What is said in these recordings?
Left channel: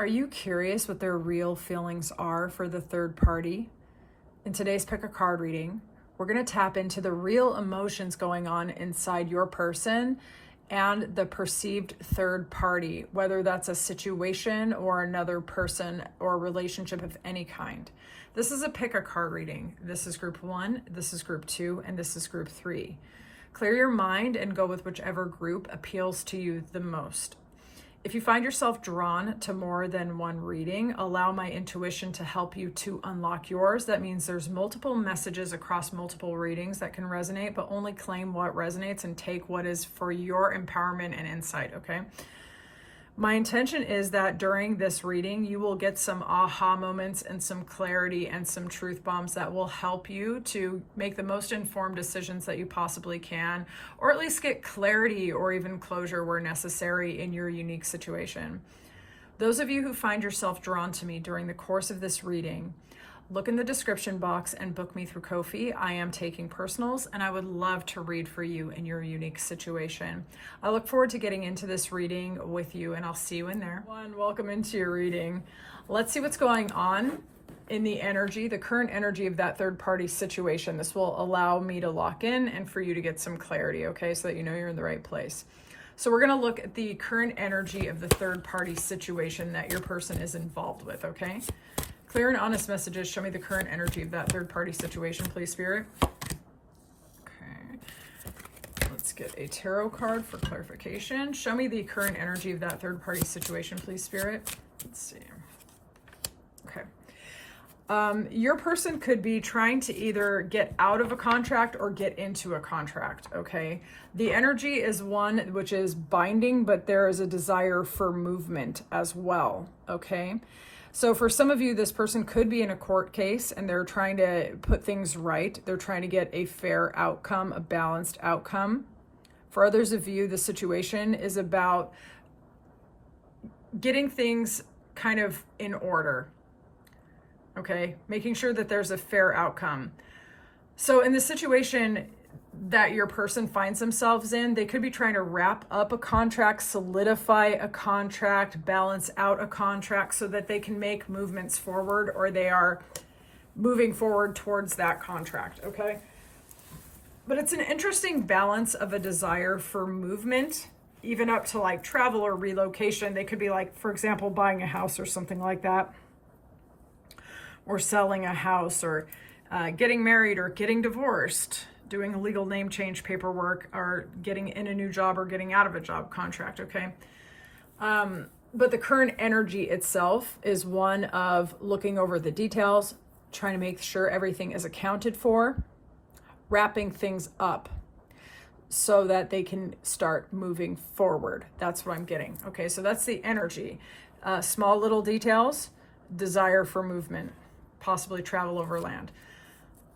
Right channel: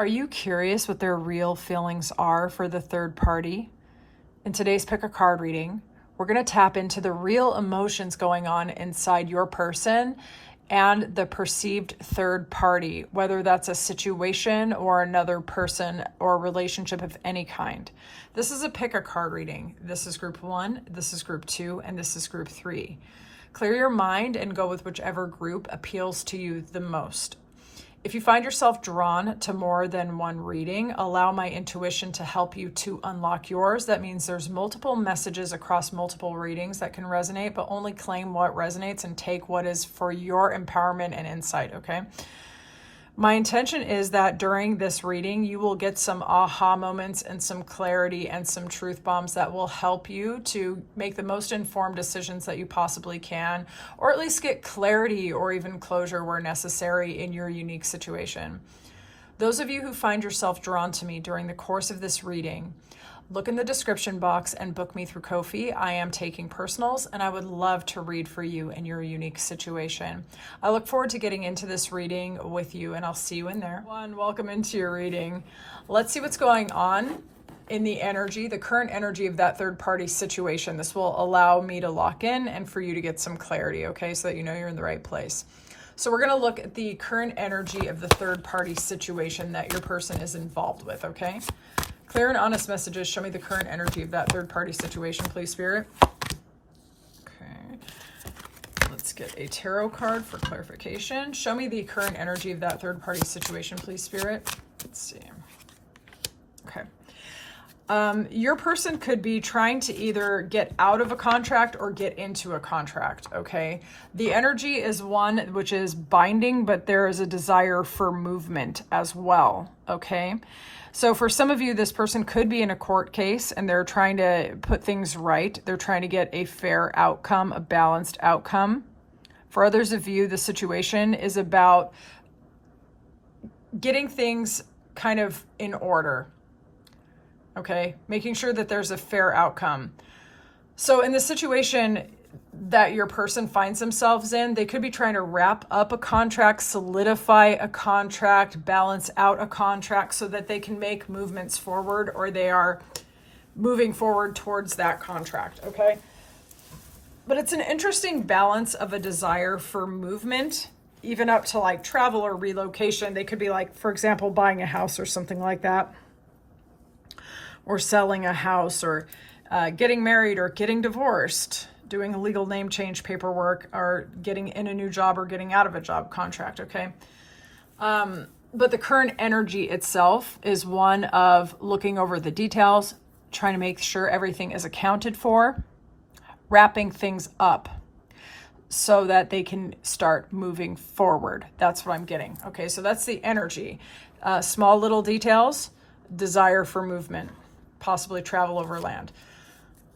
Are you curious what their real feelings are for the third party? In today's Pick a Card reading, we're going to tap into the real emotions going on inside your person and the perceived third party, whether that's a situation or another person or relationship of any kind. This is a Pick a Card reading. This is group 1, this is group 2, and this is group 3. Clear your mind and go with whichever group appeals to you the most. If you find yourself drawn to more than one reading, allow my intuition to help you to unlock yours. That means there's multiple messages across multiple readings that can resonate, but only claim what resonates and take what is for your empowerment and insight, okay? My intention is that during this reading, you will get some aha moments and some clarity and some truth bombs that will help you to make the most informed decisions that you possibly can, or at least get clarity or even closure where necessary in your unique situation. Those of you who find yourself drawn to me during the course of this reading, look in the description box and book me through Ko-fi. I am taking personals and I would love to read for you in your unique situation. I look forward to getting into this reading with you and I'll see you in there. Welcome into your reading. Let's see what's going on in the energy, the current energy of that third party situation. This will allow me to lock in and for you to get some clarity, okay, so that you know you're in the right place. So we're going to look at the current energy of the third party situation that your person is involved with, okay? Clear and honest messages. Show me the current energy of that third party situation, please, Spirit. Okay. Let's get a tarot card for clarification. Show me the current energy of that third party situation, please, Spirit. Let's see. Okay. Your person could be trying to either get out of a contract or get into a contract, okay? The energy is one which is binding, but there is a desire for movement as well, okay? So for some of you, this person could be in a court case and they're trying to put things right. They're trying to get a fair outcome, a balanced outcome. For others of you, the situation is about getting things kind of in order, okay? Making sure that there's a fair outcome. So in the situation that your person finds themselves in, they could be trying to wrap up a contract, solidify a contract, balance out a contract so that they can make movements forward, or they are moving forward towards that contract, okay? But it's an interesting balance of a desire for movement, even up to like travel or relocation. They could be like, for example, buying a house or something like that, or selling a house, or getting married or getting divorced, doing a legal name change paperwork, or getting in a new job or getting out of a job contract, okay? But the current energy itself is one of looking over the details, trying to make sure everything is accounted for, wrapping things up so that they can start moving forward. That's what I'm getting, okay? So that's the energy. Small little details, desire for movement, possibly travel over land.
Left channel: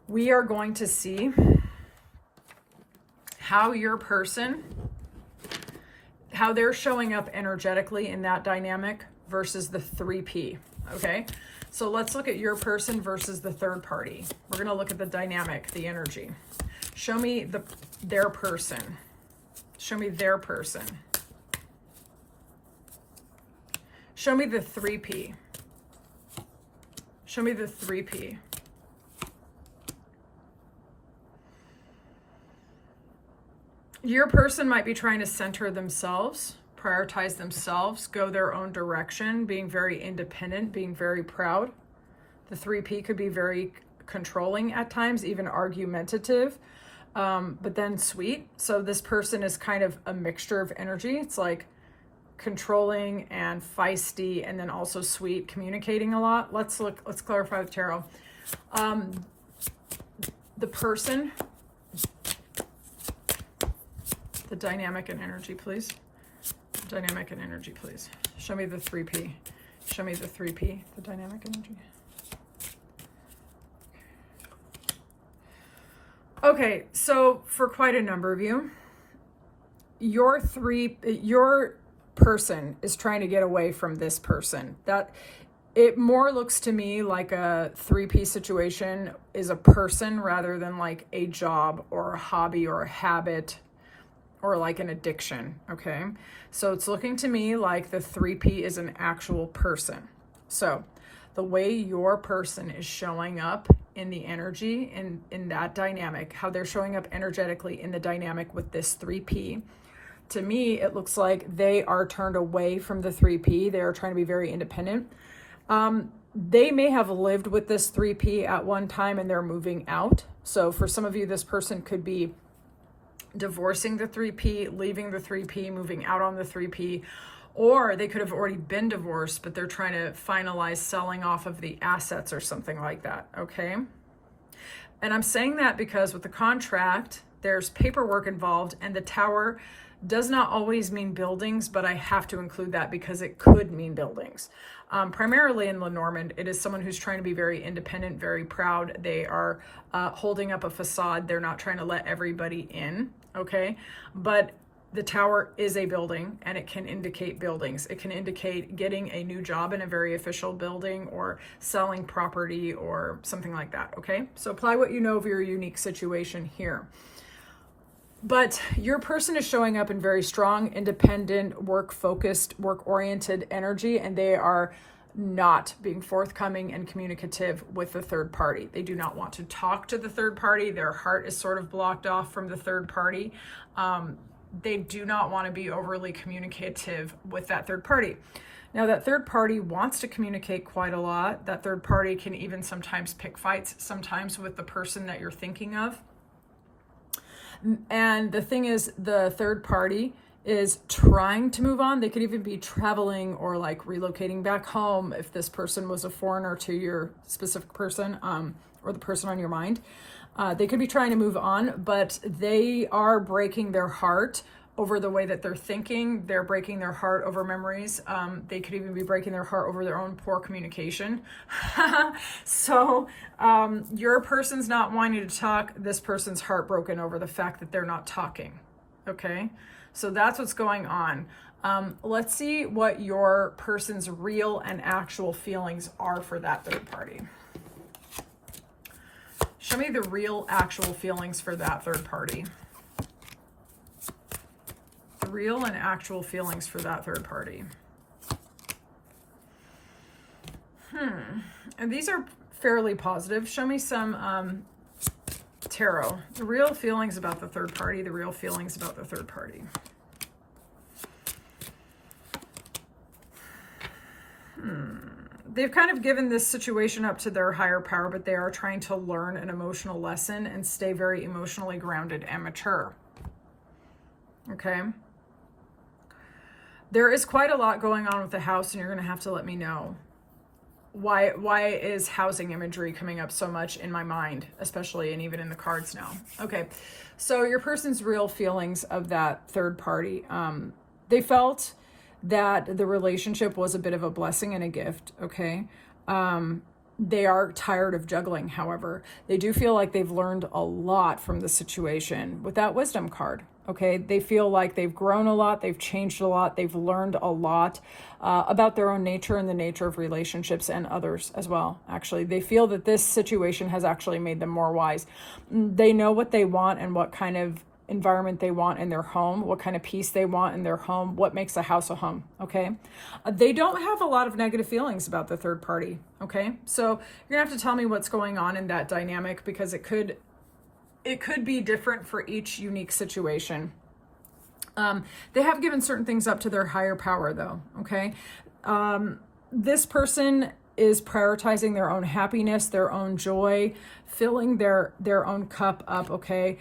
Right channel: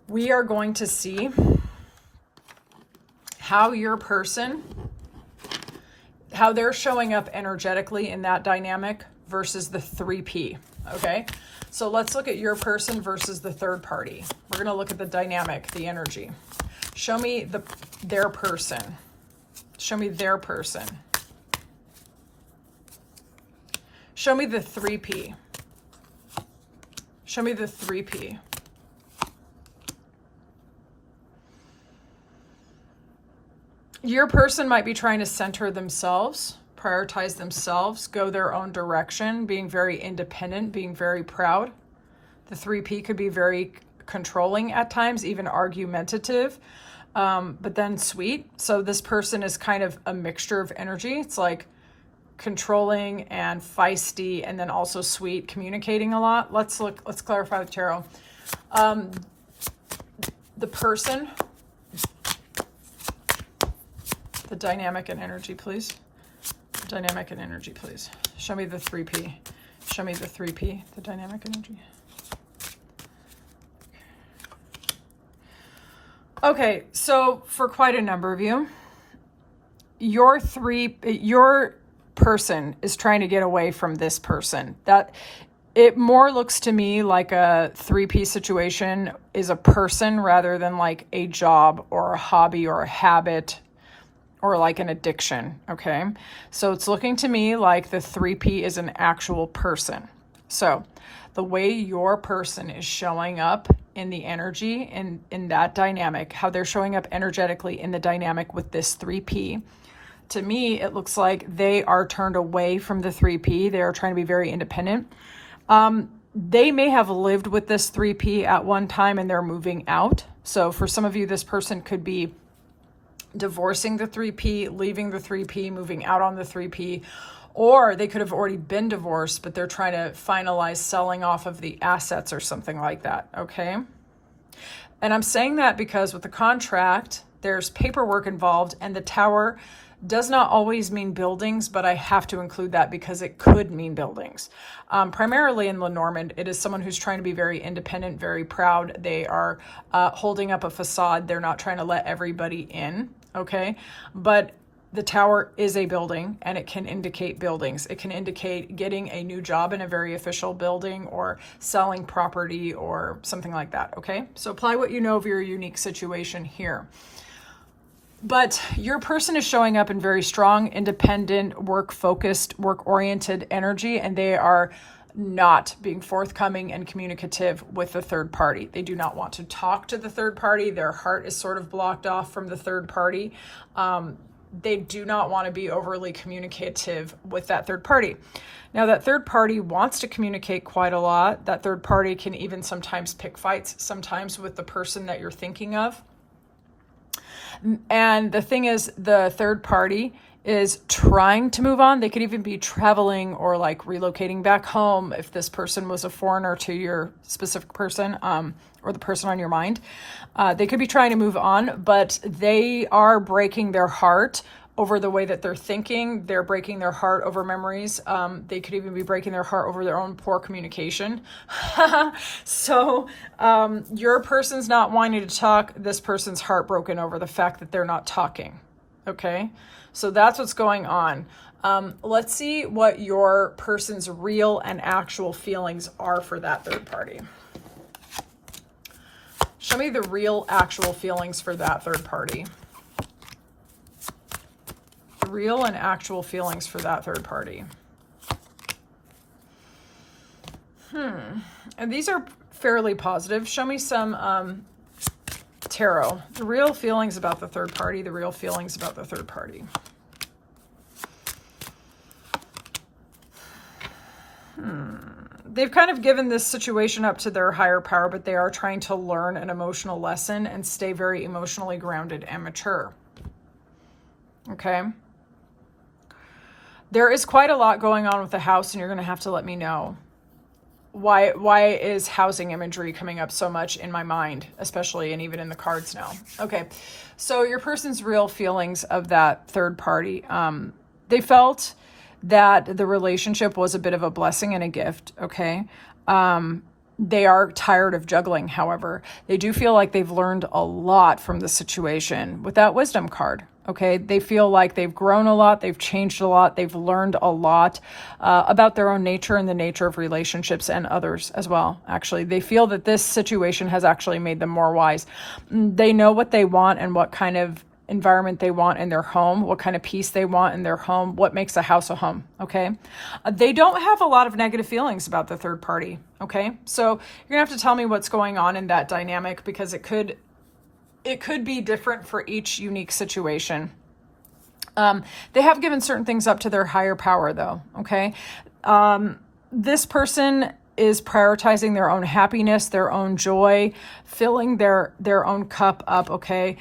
We are going to see how your person, how they're showing up energetically in that dynamic versus the 3P, okay? So let's look at your person versus the third party. We're gonna look at the dynamic, the energy. Show me their person. Show me their person. Show me the 3P. Show me the 3P. Your person might be trying to center themselves, prioritize themselves, go their own direction, being very independent, being very proud. The 3P could be very controlling at times, even argumentative, but then sweet. So this person is kind of a mixture of energy. It's like controlling and feisty, and then also sweet, communicating a lot. Let's clarify with tarot. The person, the dynamic and energy, please. Dynamic and energy, please. Show me the 3P. Show me the 3P, the dynamic energy. Okay, so for quite a number of you, your person is trying to get away from this person. That it more looks to me like a 3P situation is a person rather than like a job or a hobby or a habit or like an addiction, okay? So it's looking to me like the 3P is an actual person. So the way your person is showing up in the energy and in that dynamic, how they're showing up energetically in the dynamic with this 3P, to me, it looks like they are turned away from the 3P. They are trying to be very independent. They may have lived with this 3P at one time and they're moving out. So for some of you, this person could be divorcing the 3P, leaving the 3P, moving out on the 3P, or they could have already been divorced, but they're trying to finalize selling off of the assets or something like that, okay? And I'm saying that because with the contract, there's paperwork involved, and the Tower does not always mean buildings, but I have to include that because it could mean buildings. Primarily in Lenormand, it is someone who's trying to be very independent, very proud. They are holding up a facade. They're not trying to let everybody in, okay? But the Tower is a building, and it can indicate buildings. It can indicate getting a new job in a very official building or selling property or something like that, okay? So apply what you know of your unique situation here. But your person is showing up in very strong, independent, work-focused, work-oriented energy, and they are not being forthcoming and communicative with the third party. They do not want to talk to the third party. Their heart is sort of blocked off from the third party. They do not want to be overly communicative with that third party. Now, that third party wants to communicate quite a lot. That third party can even sometimes pick fights, sometimes with the person that you're thinking of. And the thing is, the third party is trying to move on. They could even be traveling or like relocating back home if this person was a foreigner to your specific person, or the person on your mind. They could be trying to move on, but they are breaking their heart over the way that they're thinking. They're breaking their heart over memories. They could even be breaking their heart over their own poor communication. So your person's not wanting to talk. This person's heartbroken over the fact that they're not talking. Okay, so that's what's going on. Let's see what your person's real and actual feelings are for that third party. Show me the real, actual feelings for that third party. The real and actual feelings for that third party. And these are fairly positive. Show me some tarot. The real feelings about the third party. The real feelings about the third party. They've kind of given this situation up to their higher power, but they are trying to learn an emotional lesson and stay very emotionally grounded and mature. Okay? There is quite a lot going on with the house, and you're going to have to let me know. Why is housing imagery coming up so much in my mind, especially, and even in the cards now? Okay, so your person's real feelings of that third party. They felt that the relationship was a bit of a blessing and a gift, okay? They are tired of juggling, however. They do feel like they've learned a lot from the situation with that wisdom card, okay? They feel like they've grown a lot, they've changed a lot, they've learned a lot about their own nature and the nature of relationships and others as well, actually. They feel that this situation has actually made them more wise. They know what they want and what kind of environment they want in their home, what kind of peace they want in their home, what makes a house a home, okay? They don't have a lot of negative feelings about the third party, okay? So you're gonna have to tell me what's going on in that dynamic, because it could be different for each unique situation. They have given certain things up to their higher power though, okay? This person is prioritizing their own happiness, their own joy, filling their own cup up, okay?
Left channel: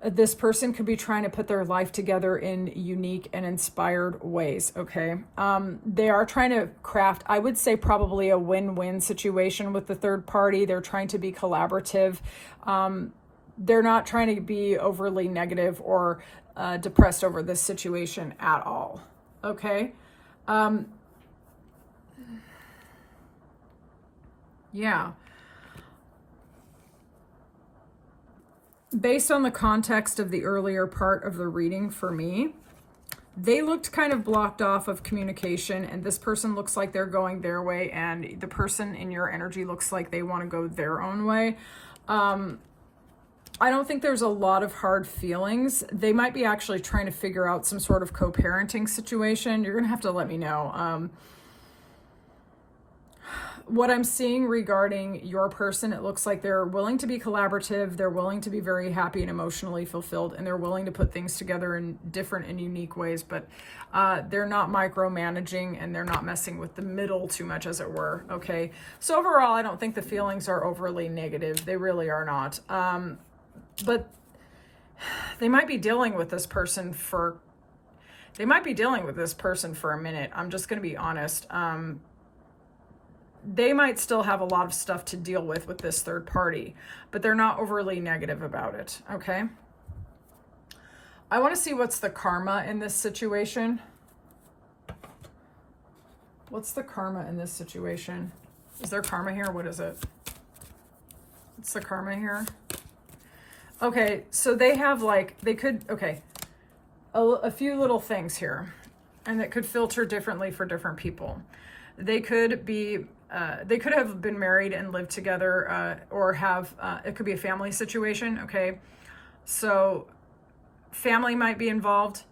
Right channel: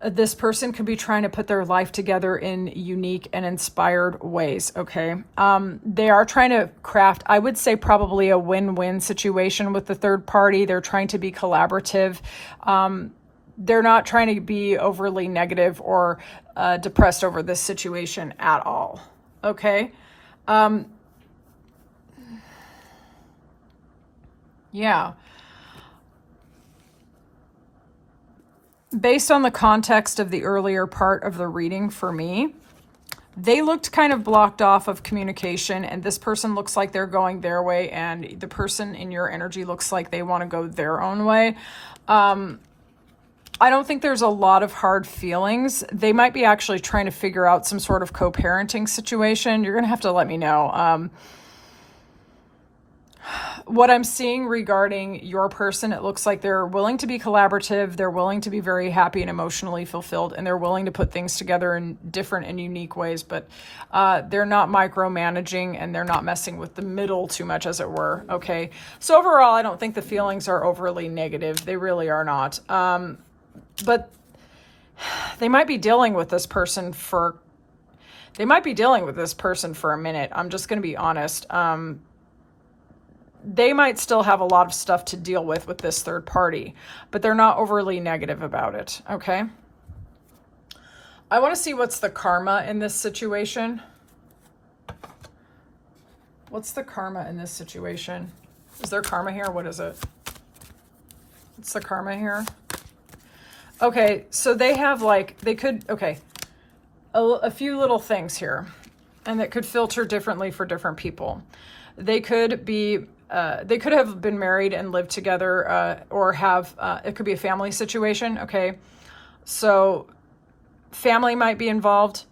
This person could be trying to put their life together in unique and inspired ways, okay? They are trying to craft, I would say, probably a win-win situation with the third party. They're trying to be collaborative. They're not trying to be overly negative or depressed over this situation at all, okay? Yeah. Based on the context of the earlier part of the reading for me, they looked kind of blocked off of communication, and this person looks like they're going their way, and the person in your energy looks like they want to go their own way. I don't think there's a lot of hard feelings. They might be actually trying to figure out some sort of co-parenting situation. You're going to have to let me know. What I'm seeing regarding your person, it looks like they're willing to be collaborative. They're willing to be very happy and emotionally fulfilled, and they're willing to put things together in different and unique ways, but they're not micromanaging, and they're not messing with the middle too much, as it were. Okay. So overall, I don't think the feelings are overly negative. They really are not. But they might be dealing with this person for a minute. I'm just going to be honest. They might still have a lot of stuff to deal with this third party, but they're not overly negative about it. Okay. I want to see what's the karma in this situation. What's the karma in this situation? Is there karma here? What is it? What's the karma here? Okay, so they have a few little things here, and that could filter differently for different people. They could have been married and lived together, or have, it could be a family situation. Okay. So family might be involved,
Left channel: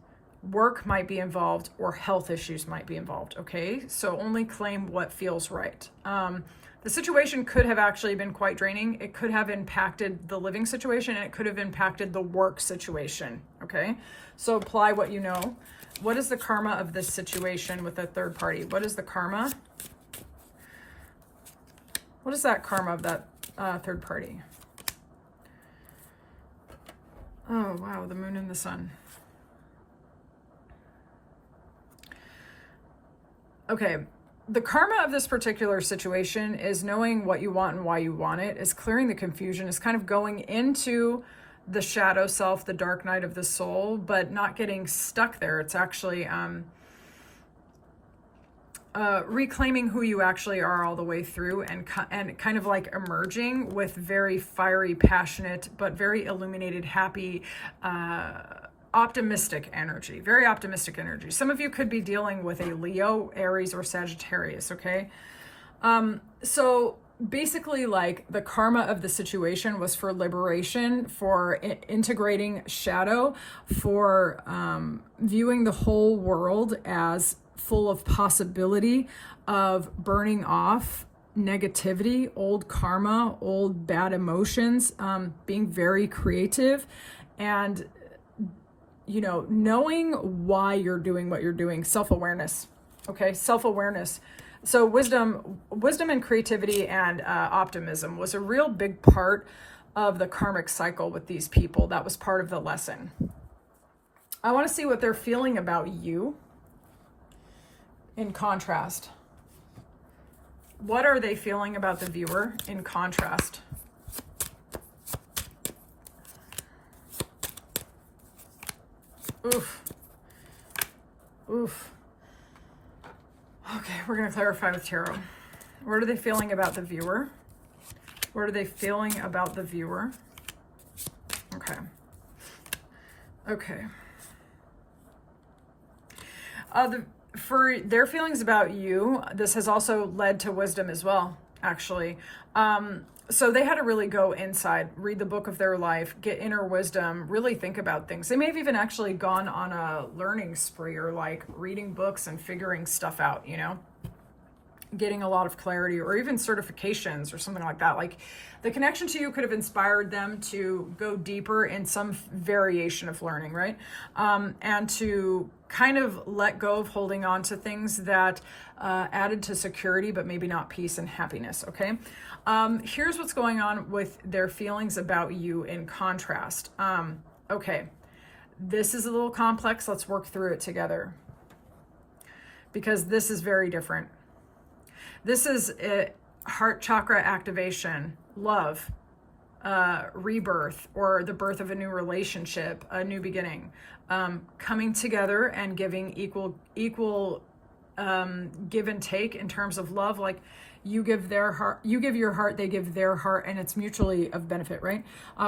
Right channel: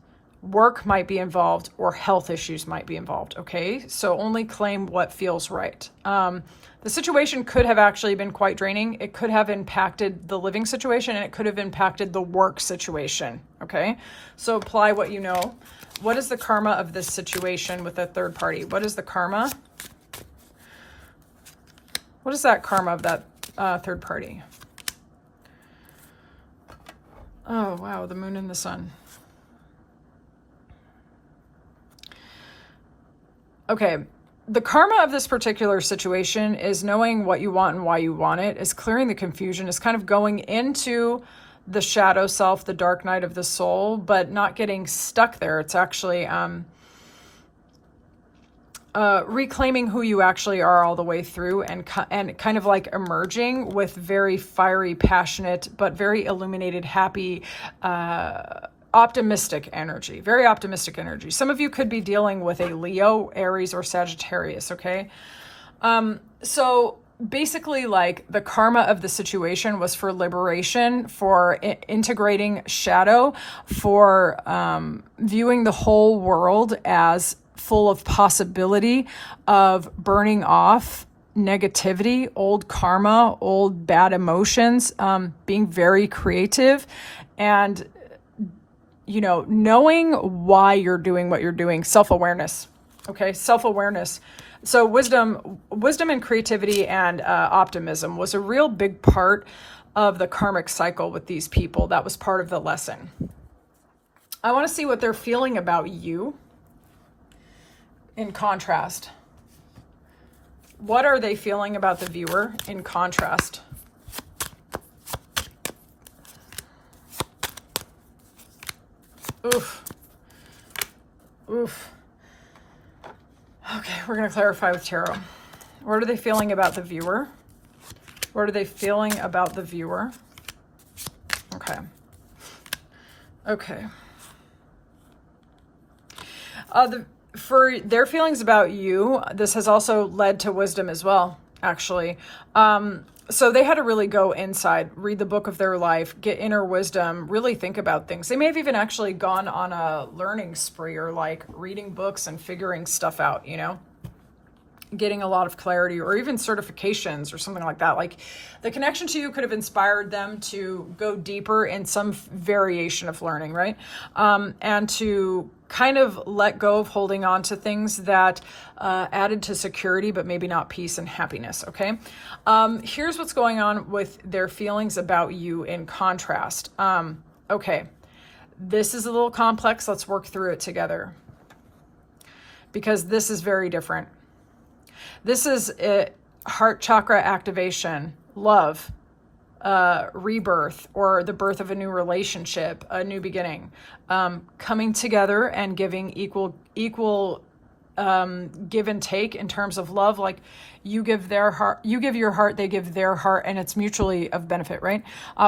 work might be involved, or health issues might be involved. Okay. So only claim what feels right. The situation could have actually been quite draining. It could have impacted the living situation, and it could have impacted the work situation. Okay. So apply what you know. What is the karma of this situation with a third party? What is the karma? What is that karma of that third party? Oh, wow. The moon and the sun. Okay. The karma of this particular situation is knowing what you want and why you want it, is clearing the confusion, is kind of going into the shadow self, the dark night of the soul, but not getting stuck there. It's actually reclaiming who you actually are all the way through, and kind of like emerging with very fiery, passionate, but very illuminated, happy, optimistic energy, very optimistic energy. Some of you could be dealing with a Leo, Aries, or Sagittarius. Okay. So basically, like, the karma of the situation was for liberation, for integrating shadow, for viewing the whole world as full of possibility of burning off negativity, old karma, old bad emotions, being very creative, and knowing why you're doing what you're doing. Self-awareness. Okay. Self-awareness. So wisdom and creativity and optimism was a real big part of the karmic cycle with these people. That was part of the lesson. I want to see what they're feeling about you in contrast. What are they feeling about the viewer in contrast? Oof. Oof. Okay, we're going to clarify with tarot. What are they feeling about the viewer? What are they feeling about the viewer? Okay. Okay. For their feelings about you, this has also led to wisdom as well, actually. So they had to really go inside, read the book of their life, get inner wisdom, really think about things. They may have even actually gone on a learning spree, or like reading books and figuring stuff out, getting a lot of clarity, or even certifications or something like that. Like, the connection to you could have inspired them to go deeper in some variation of learning, right? And to kind of let go of holding on to things that added to security, but maybe not peace and happiness. Okay. Here's what's going on with their feelings about you in contrast. Okay. This is a little complex. Let's work through it together, because this is very different. This is heart chakra activation, love, rebirth, or the birth of a new relationship, a new beginning, coming together and giving equal give and take in terms of love. Like, you give their heart, you give your heart, they give their heart, and it's mutually of benefit, right?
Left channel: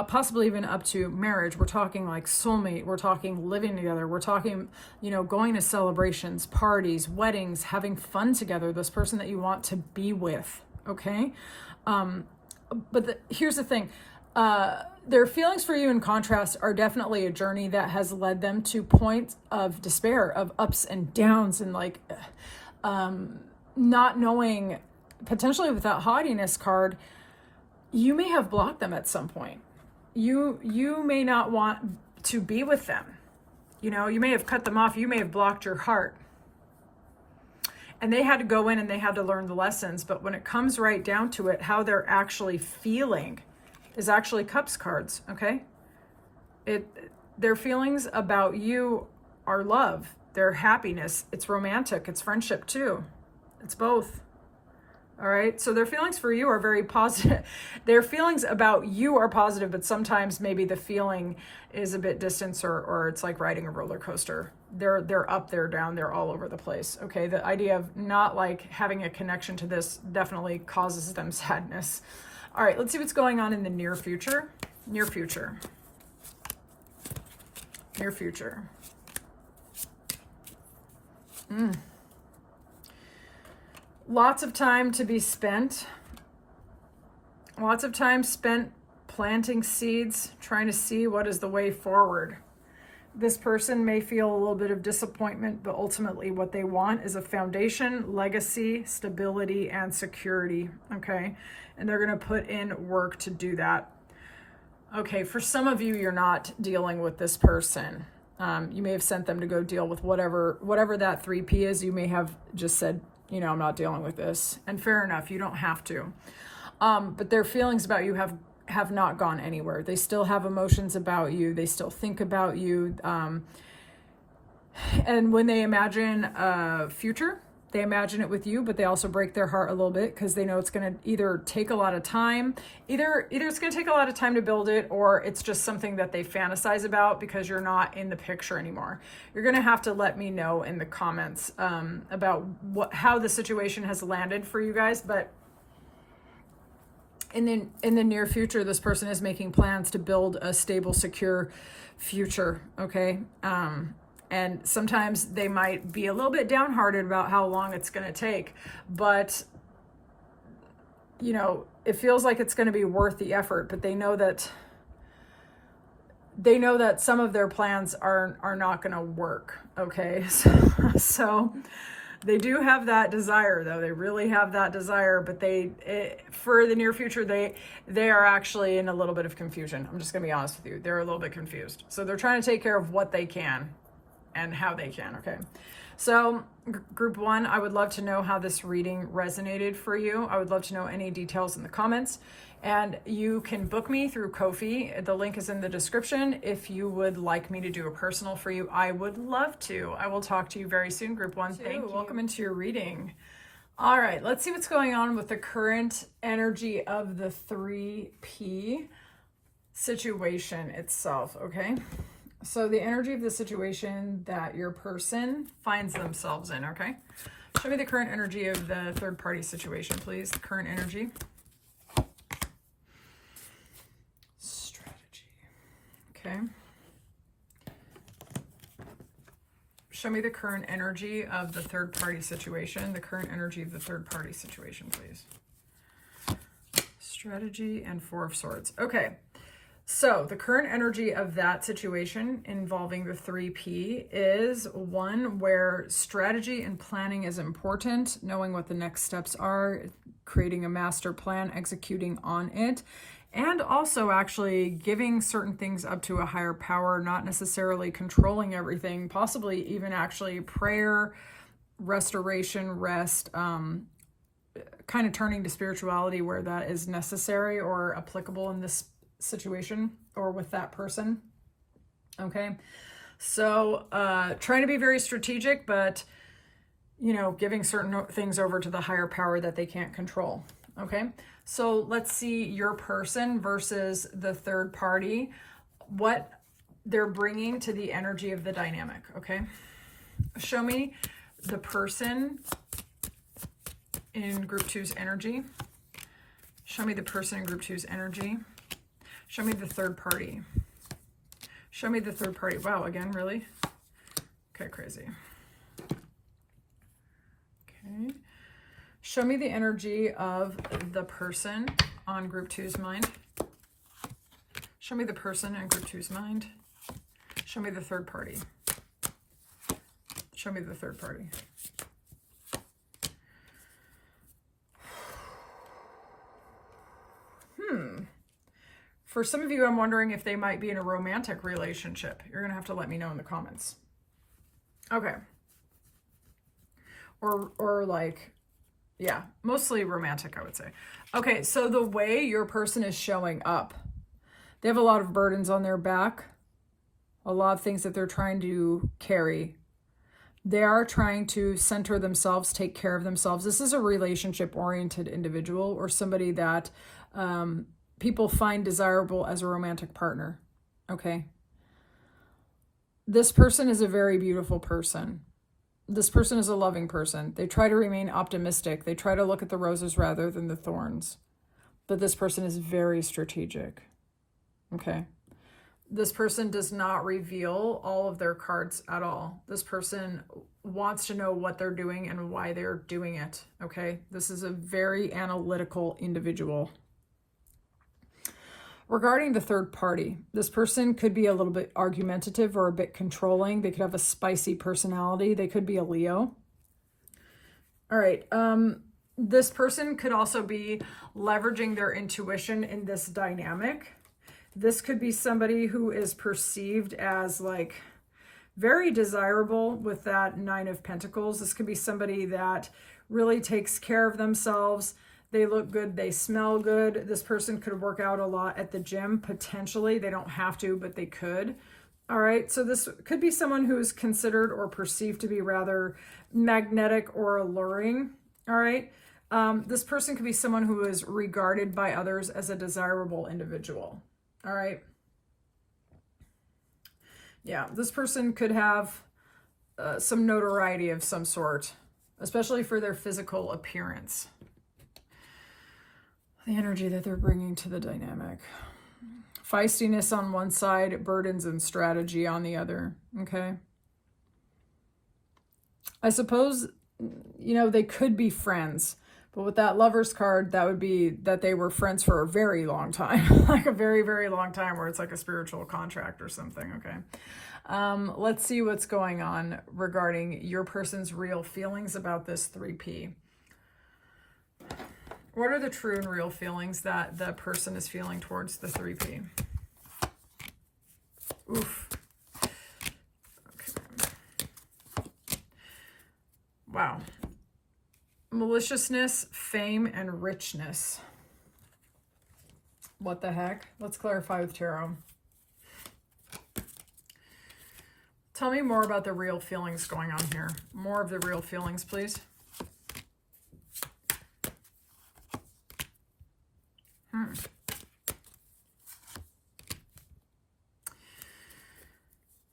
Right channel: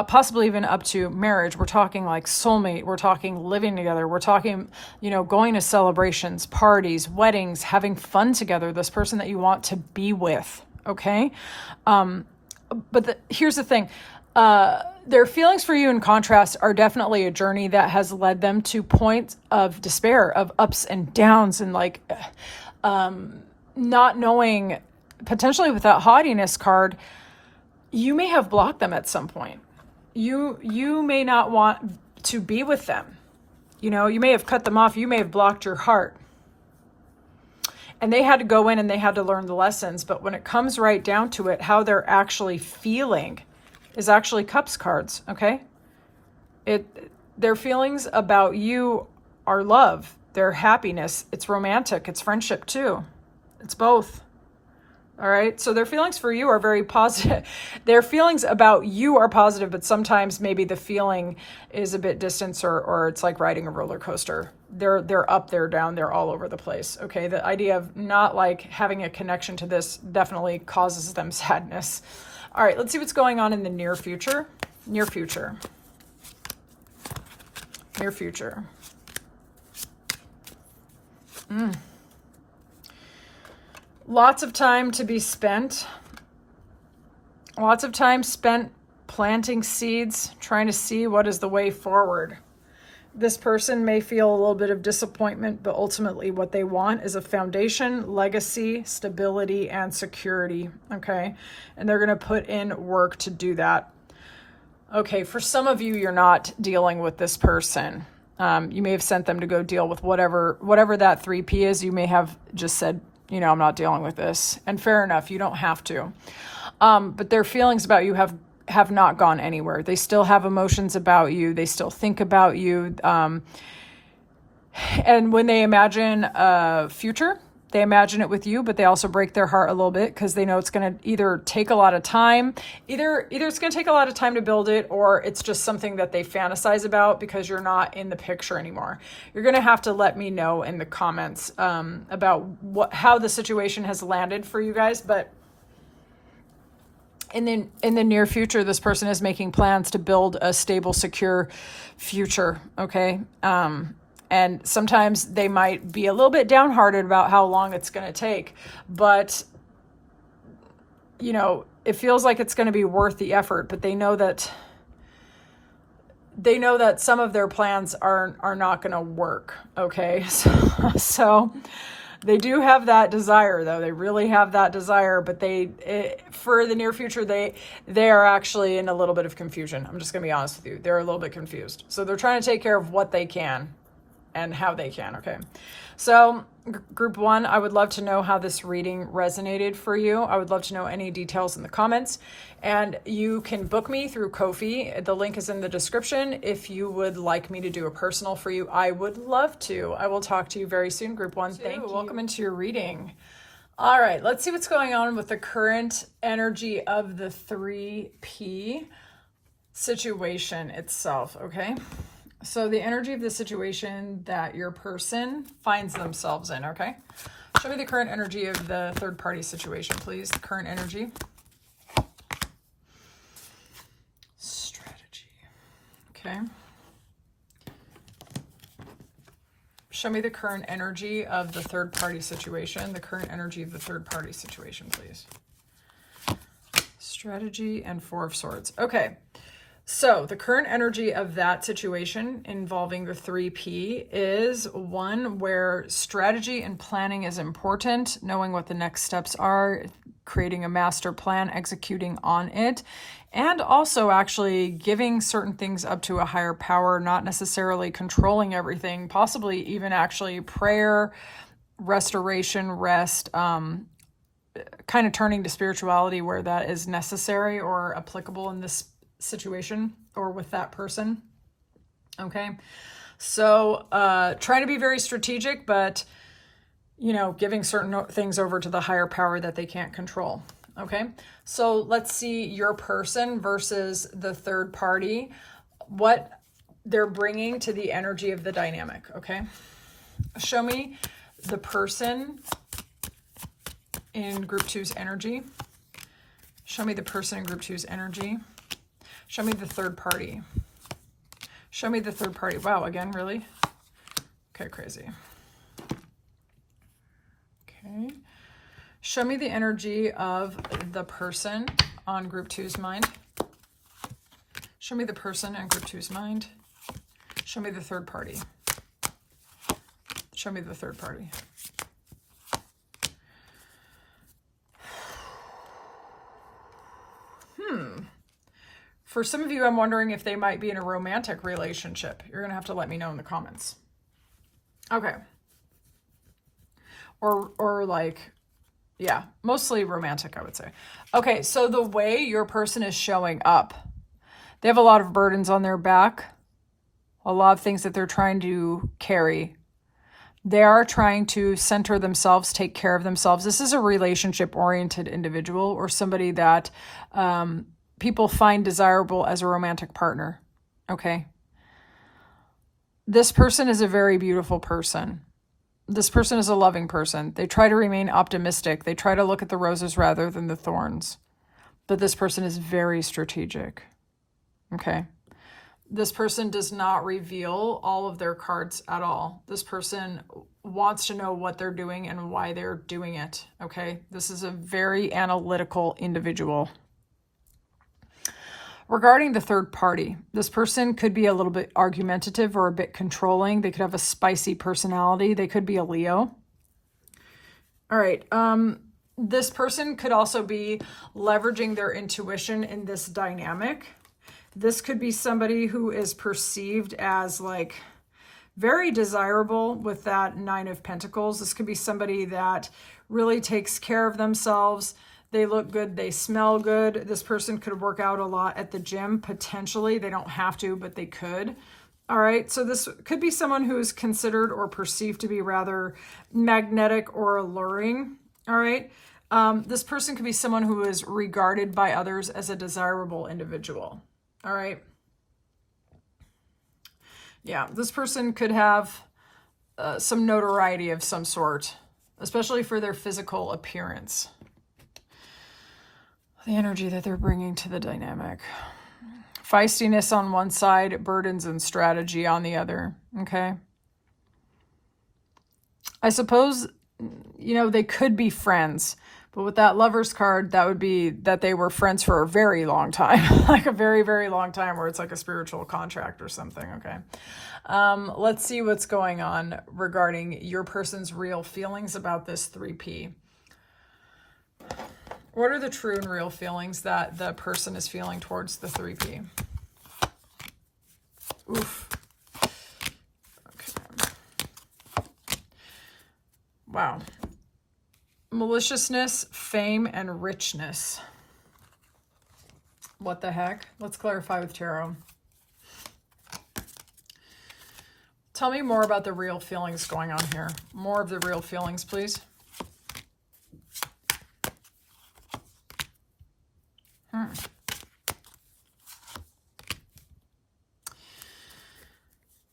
Possibly even up to marriage. We're talking like soulmate. We're talking living together. We're talking, going to celebrations, parties, weddings, having fun together. This person that you want to be with. Okay. But here's the thing. Their feelings for you, in contrast, are definitely a journey that has led them to points of despair, of ups and downs, and like not knowing, potentially with that haughtiness card, you may have blocked them at some point. You may not want to be with them. You know, you may have cut them off. You may have blocked your heart. And they had to go in and they had to learn the lessons. But when it comes right down to it, how they're actually feeling is actually Cups cards, okay? Their feelings about you are love, their happiness. It's romantic, it's friendship too. It's both. All right, so their feelings for you are very positive. Their feelings about you are positive, but sometimes maybe the feeling is a bit distant, or it's like riding a roller coaster. They're up, they're down, they're all over the place. Okay, the idea of not like having a connection to this definitely causes them sadness. All right, let's see what's going on in the near future. Near future. Near future. Lots of time to be spent. Lots of time spent planting seeds, trying to see what is the way forward. This person may feel a little bit of disappointment, but ultimately what they want is a foundation, legacy, stability, and security, okay? And they're going to put in work to do that. Okay, for some of you, you're not dealing with this person. You may have sent them to go deal with whatever that 3P is. You may have just said, you know, I'm not dealing with this. And fair enough, you don't have to. But their feelings about you have not gone anywhere. They still have emotions about you. They still think about you. And when they imagine a future, they imagine it with you, but they also break their heart a little bit because they know it's going to either take a lot of time, either it's going to take a lot of time to build it, or it's just something that they fantasize about because you're not in the picture anymore. You're going to have to let me know in the comments about how the situation has landed for you guys. But in the near future, this person is making plans to build a stable, secure future. Okay. And sometimes they might be a little bit downhearted about how long it's going to take, but you know, it feels like it's going to be worth the effort, but they know that some of their plans are not going to work. Okay. So they do have that desire, though. They really have that desire, but for the near future, they are actually in a little bit of confusion. I'm just going to be honest with you. They're a little bit confused. So they're trying to take care of what they can and how they can, okay? So group 1, I would love to know how this reading resonated for you. I would love to know any details in the comments. And you can book me through Ko-fi. The link is in the description. If you would like me to do a personal for you, I would love to. I will talk to you very soon, group 1. Thank you. Welcome into your reading. All right, let's see what's going on with the current energy of the 3P situation itself, okay? So the energy of the situation that your person finds themselves in, okay? Show me the current energy of the third party situation, please. The current energy. Strategy. Okay. Show me the current energy of the third party situation. The current energy of the third party situation, please. Strategy and 4 of Swords. Okay. So the current energy of that situation involving the 3P is one where strategy and planning is important, knowing what the next steps are, creating a master plan, executing on it, and also actually giving certain things up to a higher power, not necessarily controlling everything, possibly even actually prayer, restoration, rest, kind of turning to spirituality where that is necessary or applicable in this situation or with that person. Okay, so trying to be very strategic, but you know, giving certain things over to the higher power that they can't control. Okay, so let's see your person versus the third party, what they're bringing to the energy of the dynamic. Okay, show me the person in group 2's energy. Show me the person in group 2's energy. Show me the third party. Show me the third party. Wow, again, really? Okay, crazy. Okay. Show me the energy of the person on group 2's mind. Show me the person in group two's mind. Show me the third party. Show me the third party. For some of you, I'm wondering if they might be in a romantic relationship. You're going to have to let me know in the comments. Okay. Or like, yeah, mostly romantic, I would say. Okay, so the way your person is showing up, they have a lot of burdens on their back, a lot of things that they're trying to carry. They are trying to center themselves, take care of themselves. This is a relationship-oriented individual or somebody that people find desirable as a romantic partner, okay? This person is a very beautiful person. This person is a loving person. They try to remain optimistic. They try to look at the roses rather than the thorns. But this person is very strategic, okay? This person does not reveal all of their cards at all. This person wants to know what they're doing and why they're doing it, okay? This is a very analytical individual. Regarding the third party, this person could be a little bit argumentative or a bit controlling. They could have a spicy personality. They could be a Leo. All right. This person could also be leveraging their intuition in this dynamic. This could be somebody who is perceived as like very desirable with that Nine of Pentacles. This could be somebody that really takes care of themselves. They look good. They smell good. This person could work out a lot at the gym, potentially. They don't have to, but they could. All right. So this could be someone who is considered or perceived to be rather magnetic or alluring. All right. This person could be someone who is regarded by others as a desirable individual. All right. Yeah. This person could have some notoriety of some sort, especially for their physical appearance. The energy that they're bringing to the dynamic. Feistiness on one side, burdens and strategy on the other, okay? I suppose, you know, they could be friends, but with that Lover's card, that would be that they were friends for a very long time, like a very, very long time, where it's like a spiritual contract or something, okay? Let's see what's going on regarding your person's real feelings about this 3P. What are the true and real feelings that the person is feeling towards the 3P? Oof. Okay. Wow. Maliciousness, fame, and richness. What the heck? Let's clarify with tarot. Tell me more about the real feelings going on here. More of the real feelings, please.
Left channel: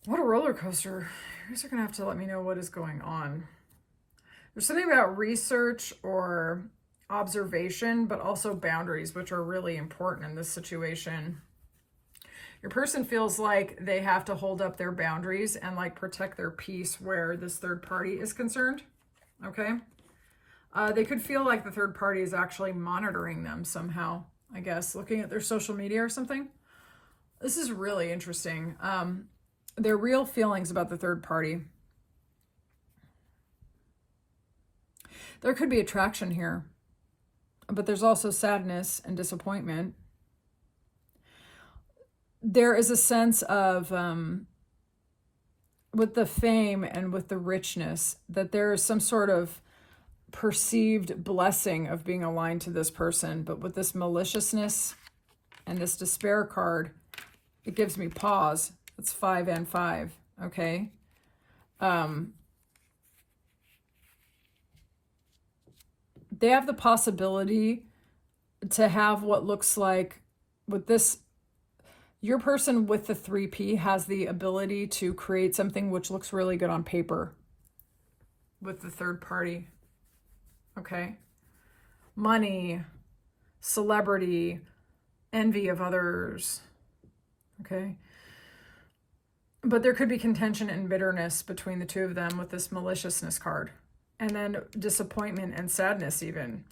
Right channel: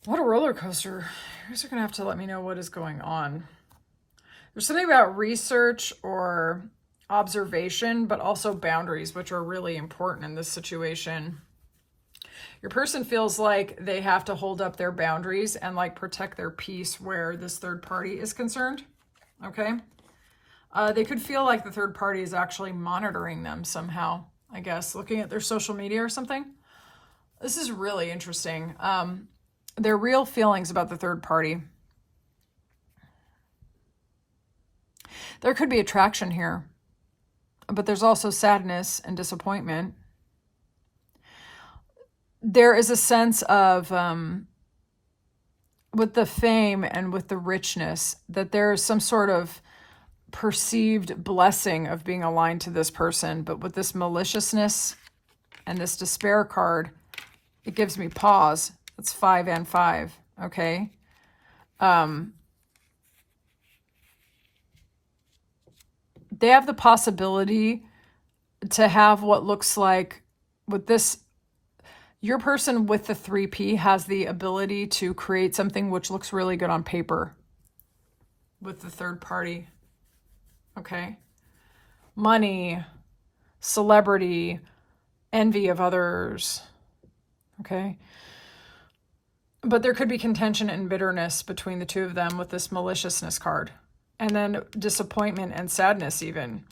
What a roller coaster. You guys are going to have to let me know what is going on. There's something about research or observation, but also boundaries, which are really important in this situation. Your person feels like they have to hold up their boundaries and like protect their peace where this third party is concerned. Okay. They could feel like the third party is actually monitoring them somehow, I guess, looking at their social media or something. This is really interesting. Their real feelings about the third party. There could be attraction here, but there's also sadness and disappointment. There is a sense of, with the fame and with the richness, that there is some sort of perceived blessing of being aligned to this person. But with this maliciousness and this despair card, it gives me pause. It's 5 and 5, okay? They have the possibility to have what looks like, with this, your person with the 3P has the ability to create something which looks really good on paper with the third party, okay? Money, celebrity, envy of others, okay? But there could be contention and bitterness between the two of them with this maliciousness card. And then disappointment and sadness even.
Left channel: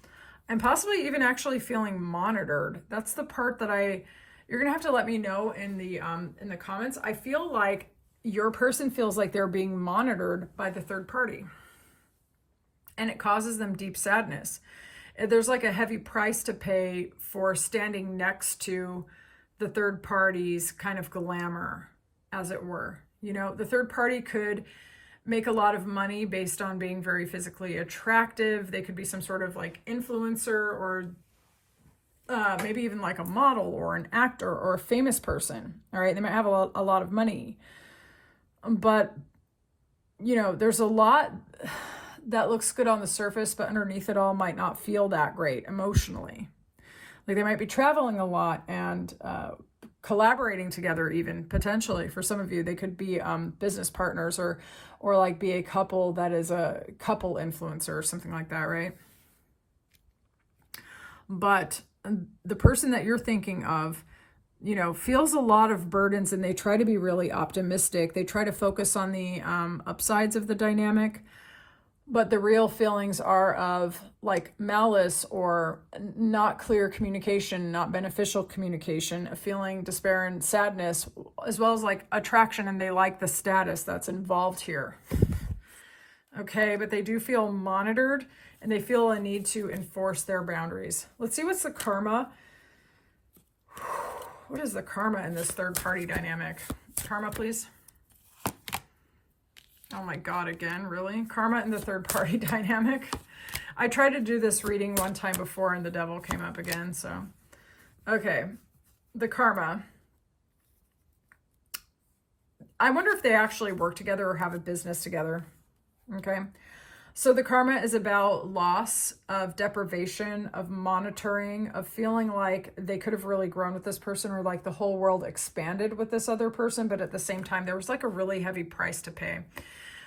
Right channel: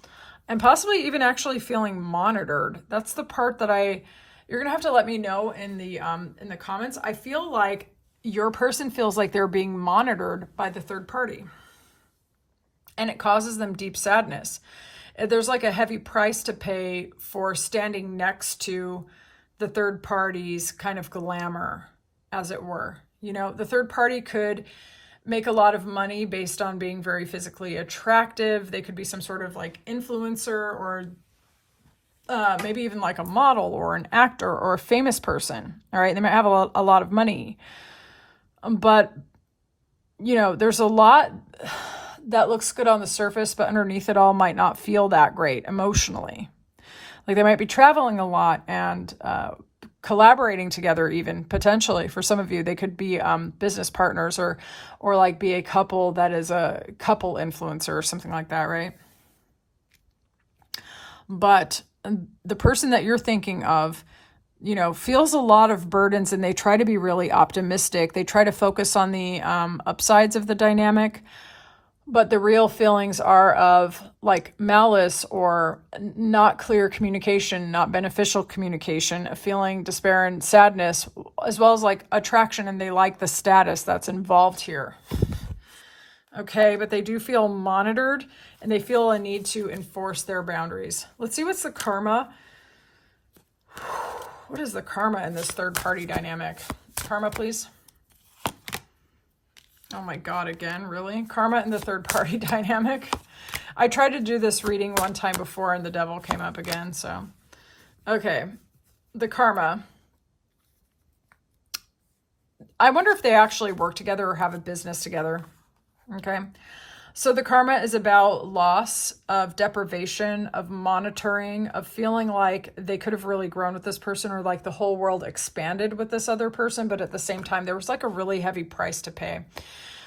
And possibly even actually feeling monitored. That's the part that I You're going to have to let me know in the comments. I feel like your person feels like they're being monitored by the third party, and it causes them deep sadness. There's like a heavy price to pay for standing next to the third party's kind of glamour, as it were. You know, the third party could make a lot of money based on being very physically attractive. They could be some sort of like influencer, or maybe even like a model or an actor or a famous person. All right. They might have a lot of money, but you know, there's a lot that looks good on the surface, but underneath it all might not feel that great emotionally. Like they might be traveling a lot and collaborating together, even potentially. For some of you, they could be business partners, or like be a couple that is a couple influencer or something like that, right? But the person that you're thinking of, you know, feels a lot of burdens, and they try to be really optimistic. They try to focus on the upsides of the dynamic, but the real feelings are of like malice or not clear communication, not beneficial communication, a feeling despair and sadness, as well as like attraction, and they like the status that's involved here. Okay, but they do feel monitored, and they feel a need to enforce their boundaries. Let's see what's the karma. What is the karma in this third party dynamic? Karma, please. Oh my God, again, really? Karma in the third party dynamic. I tried to do this reading one time before and the devil came up again, so. Okay, the karma. I wonder if they actually work together or have a business together. Okay, so the karma is about loss, of deprivation, of monitoring, of feeling like they could have really grown with this person, or like the whole world expanded with this other person, but at the same time, there was like a really heavy price to pay.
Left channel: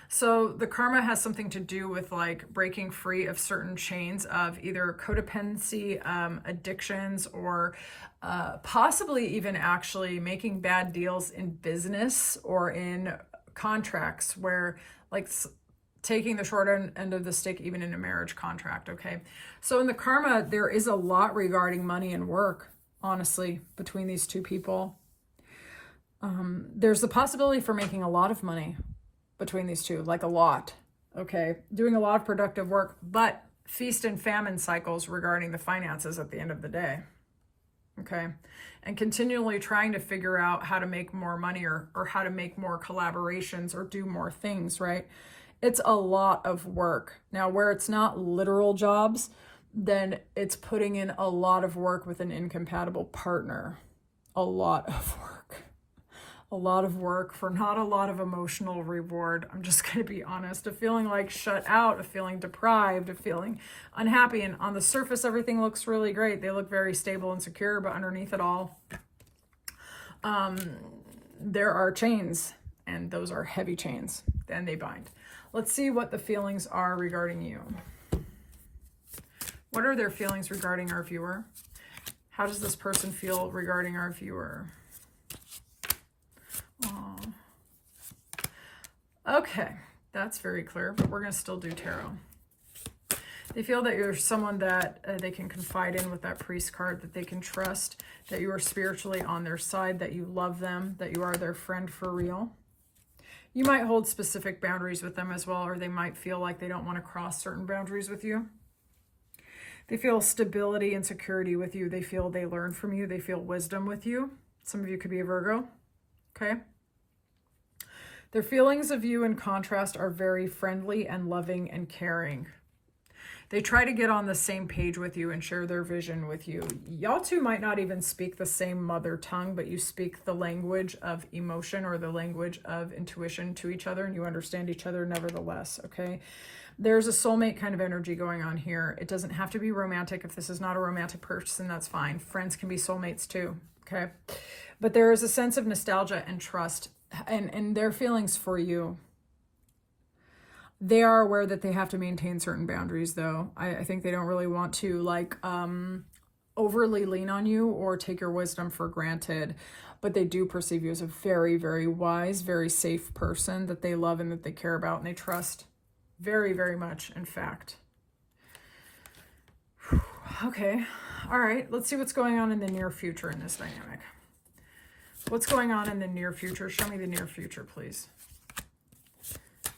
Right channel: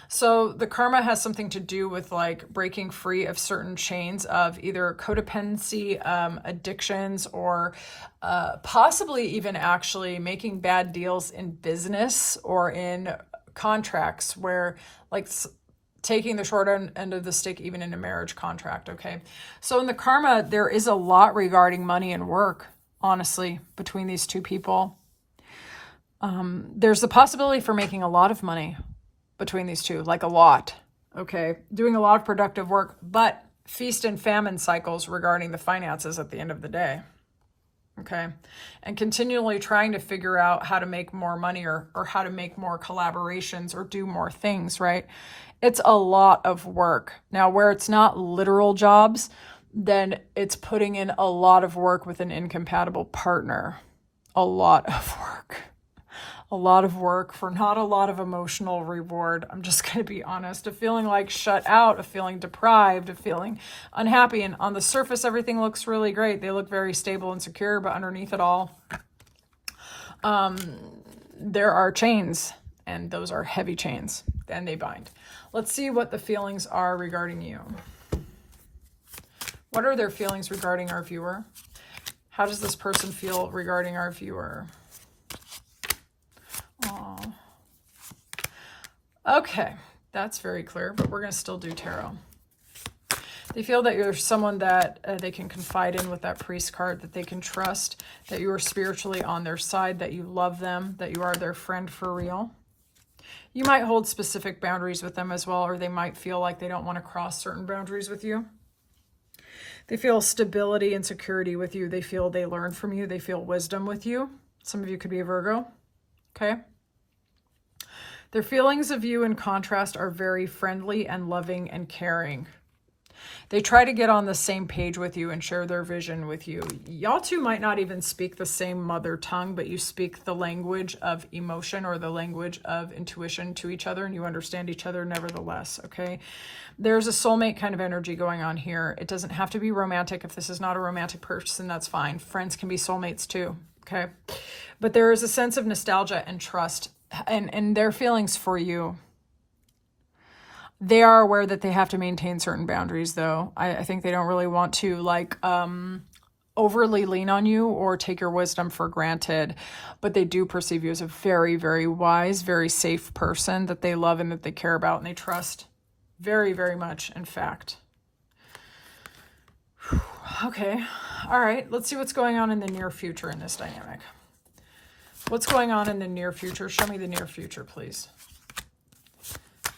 So the karma has something to do with like breaking free of certain chains of either codependency, addictions, or possibly even actually making bad deals in business or in contracts, where like taking the short end of the stick, even in a marriage contract. Okay, so in the karma, there is a lot regarding money and work, honestly, between these two people. There's the possibility for making a lot of money between these two, like a lot. Okay, doing a lot of productive work, but feast and famine cycles regarding the finances at the end of the day. Okay, and continually trying to figure out how to make more money, or how to make more collaborations or do more things, right? It's a lot of work. Now, where it's not literal jobs, then it's putting in a lot of work with an incompatible partner. A lot of work. A lot of work for not a lot of emotional reward. I'm just going to be honest. A feeling like shut out, a feeling deprived, a feeling unhappy. And on the surface, everything looks really great. They look very stable and secure, but underneath it all, there are chains, and those are heavy chains, and they bind. Let's see what the feelings are regarding you. What are their feelings regarding our viewer? How does this person feel regarding our viewer? Oh. Okay, that's very clear, but we're going to still do tarot. They feel that you're someone that they can confide in with that priest card, that they can trust, that you are spiritually on their side, that you love them, that you are their friend for real. You might hold specific boundaries with them as well, or they might feel like they don't want to cross certain boundaries with you. They feel stability and security with you. They feel they learn from you. They feel wisdom with you. Some of you could be a Virgo. Okay. Their feelings of you, in contrast, are very friendly and loving and caring. They try to get on the same page with you and share their vision with you. Y'all two might not even speak the same mother tongue, but you speak the language of emotion or the language of intuition to each other, and you understand each other nevertheless, okay? There's a soulmate kind of energy going on here. It doesn't have to be romantic. If this is not a romantic person, that's fine. Friends can be soulmates too, okay? But there is a sense of nostalgia and trust and their feelings for you. They are aware that they have to maintain certain boundaries, though. I think they don't really want to like overly lean on you or take your wisdom for granted, but they do perceive you as a very, very wise, very safe person that they love and that they care about and they trust very, very much, in fact. Okay, all right, let's see what's going on in the near future in this dynamic. What's going on in the near future? Show me the near future, please.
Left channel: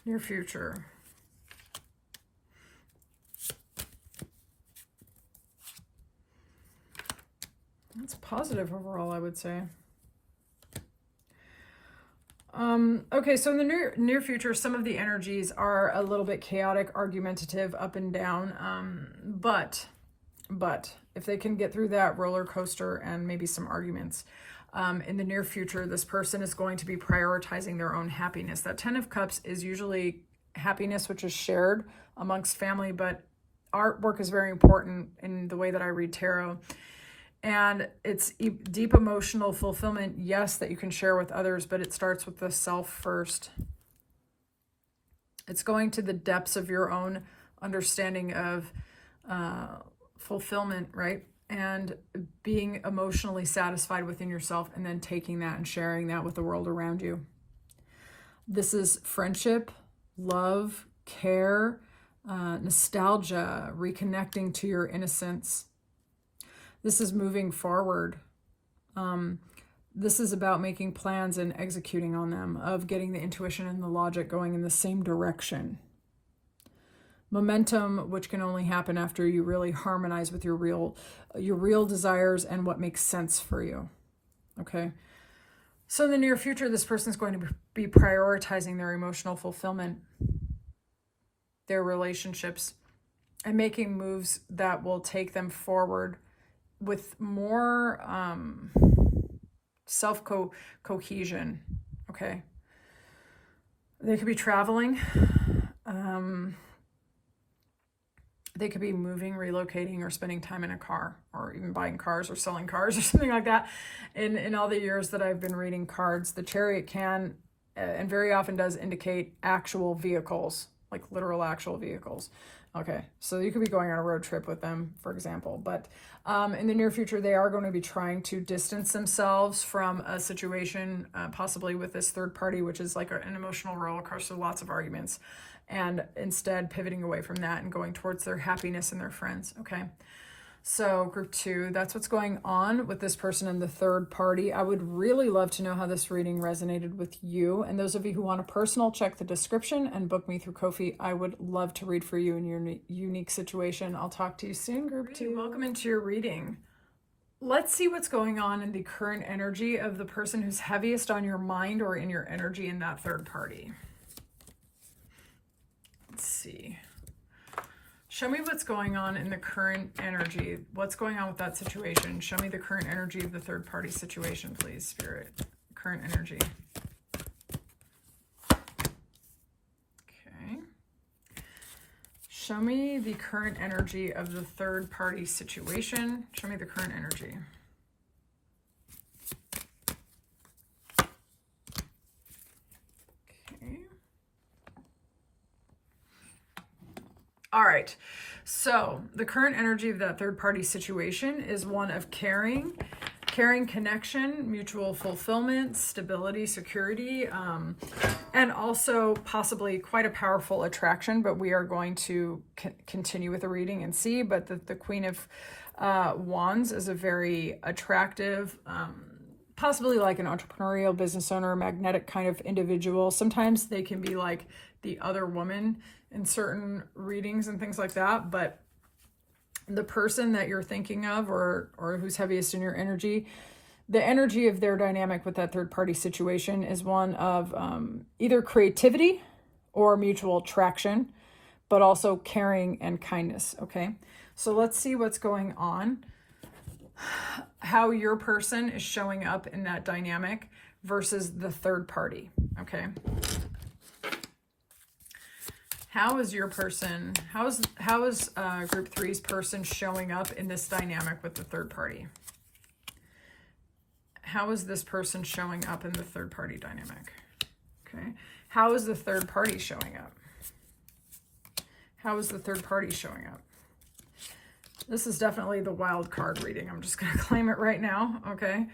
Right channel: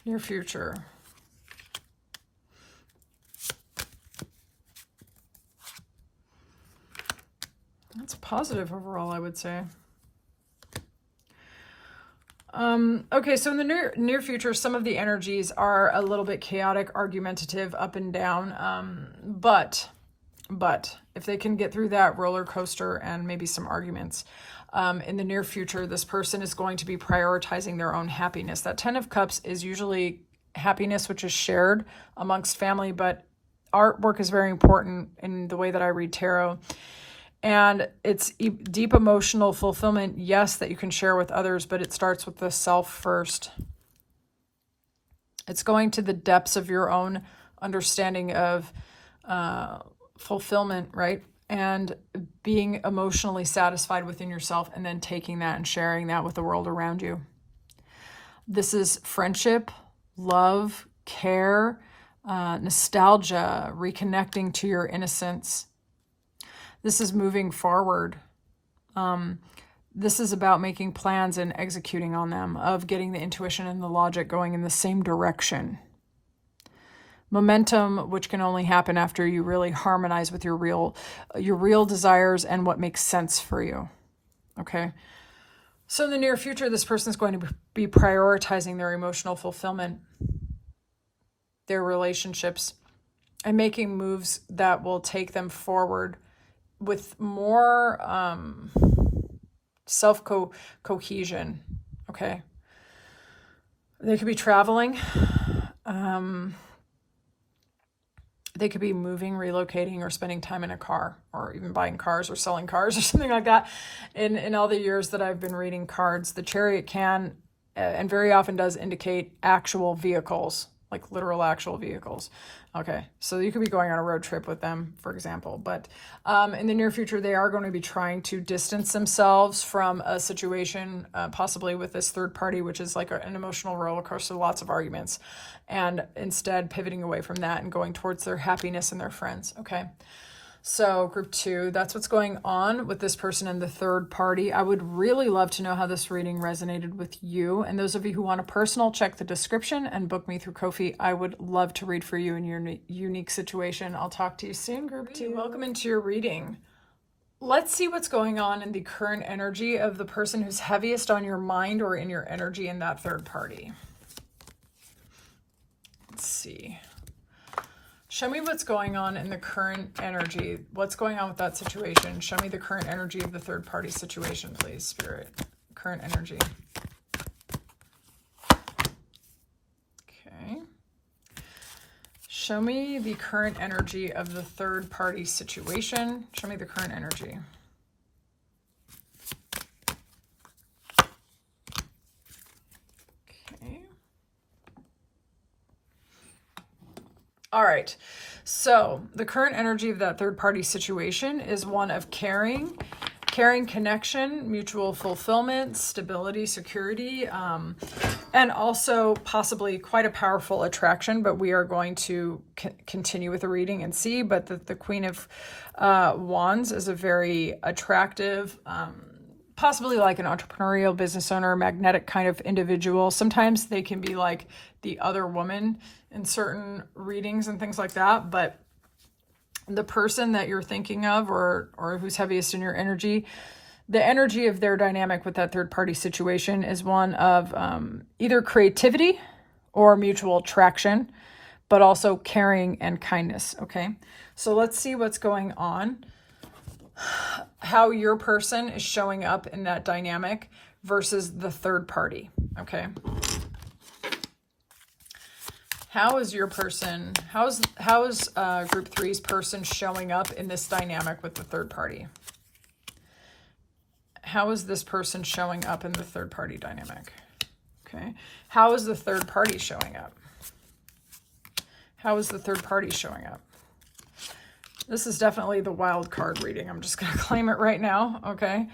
Near future. That's positive overall, I would say. Okay, so in the near future, some of the energies are a little bit chaotic, argumentative, up and down. But if they can get through that roller coaster and maybe some arguments, in the near future, this person is going to be prioritizing their own happiness. That 10 of Cups is usually happiness, which is shared amongst family, but artwork is very important in the way that I read tarot. And it's deep emotional fulfillment, yes, that you can share with others, but it starts with the self first. It's going to the depths of your own understanding of fulfillment, right? And being emotionally satisfied within yourself, and then taking that and sharing that with the world around you. This is friendship, love, care, nostalgia, reconnecting to your innocence. This is moving forward. This is about making plans and executing on them, of getting the intuition and the logic going in the same direction. Momentum, which can only happen after you really harmonize with your real desires and what makes sense for you. Okay. So in the near future, this person is going to be prioritizing their emotional fulfillment, their relationships, and making moves that will take them forward with more self-cohesion, okay? They could be traveling. They could be moving, relocating, or spending time in a car, or even buying cars or selling cars or something like that. In all the years that I've been reading cards, the Chariot can, and very often does, indicate actual vehicles, like literal actual vehicles. Okay, so you could be going on a road trip with them, for example. But in the near future, they are going to be trying to distance themselves from a situation, possibly with this third party, which is like an emotional roller coaster, lots of arguments, and instead pivoting away from that and going towards their happiness and their friends. Okay, so group 2, that's what's going on with this person in the third party. I would really love to know how this reading resonated with you. And those of you who want a personal, check the description and book me through Ko-fi. I would love to read for you in your unique situation. I'll talk to you soon, group 2. Welcome into your reading. Let's see what's going on in the current energy of the person who's heaviest on your mind or in your energy in that third party. Let's see. Show me what's going on in the current energy. What's going on with that situation? Show me the current energy of the third party situation, please, Spirit. Current energy. Okay. Show me the current energy of the third party situation. Show me the current energy. All right, so the current energy of that third party situation is one of caring, connection, mutual fulfillment, stability, security, and also possibly quite a powerful attraction, but we are going to continue with the reading and see. But the Queen of Wands is a very attractive, possibly like an entrepreneurial business owner, magnetic kind of individual. Sometimes they can be like the other woman in certain readings and things like that, but the person that you're thinking of or who's heaviest in your energy, the energy of their dynamic with that third party situation is one of either creativity or mutual attraction, but also caring and kindness. Okay, so let's see what's going on, how your person is showing up in that dynamic versus the third party. Okay, how is your person, how is group 3's person showing up in this dynamic with the third party? How is this person showing up in the third party dynamic? Okay, how is the third party showing up? How is the third party showing up? This is definitely the wild card reading. I'm just going to claim it right now. Okay,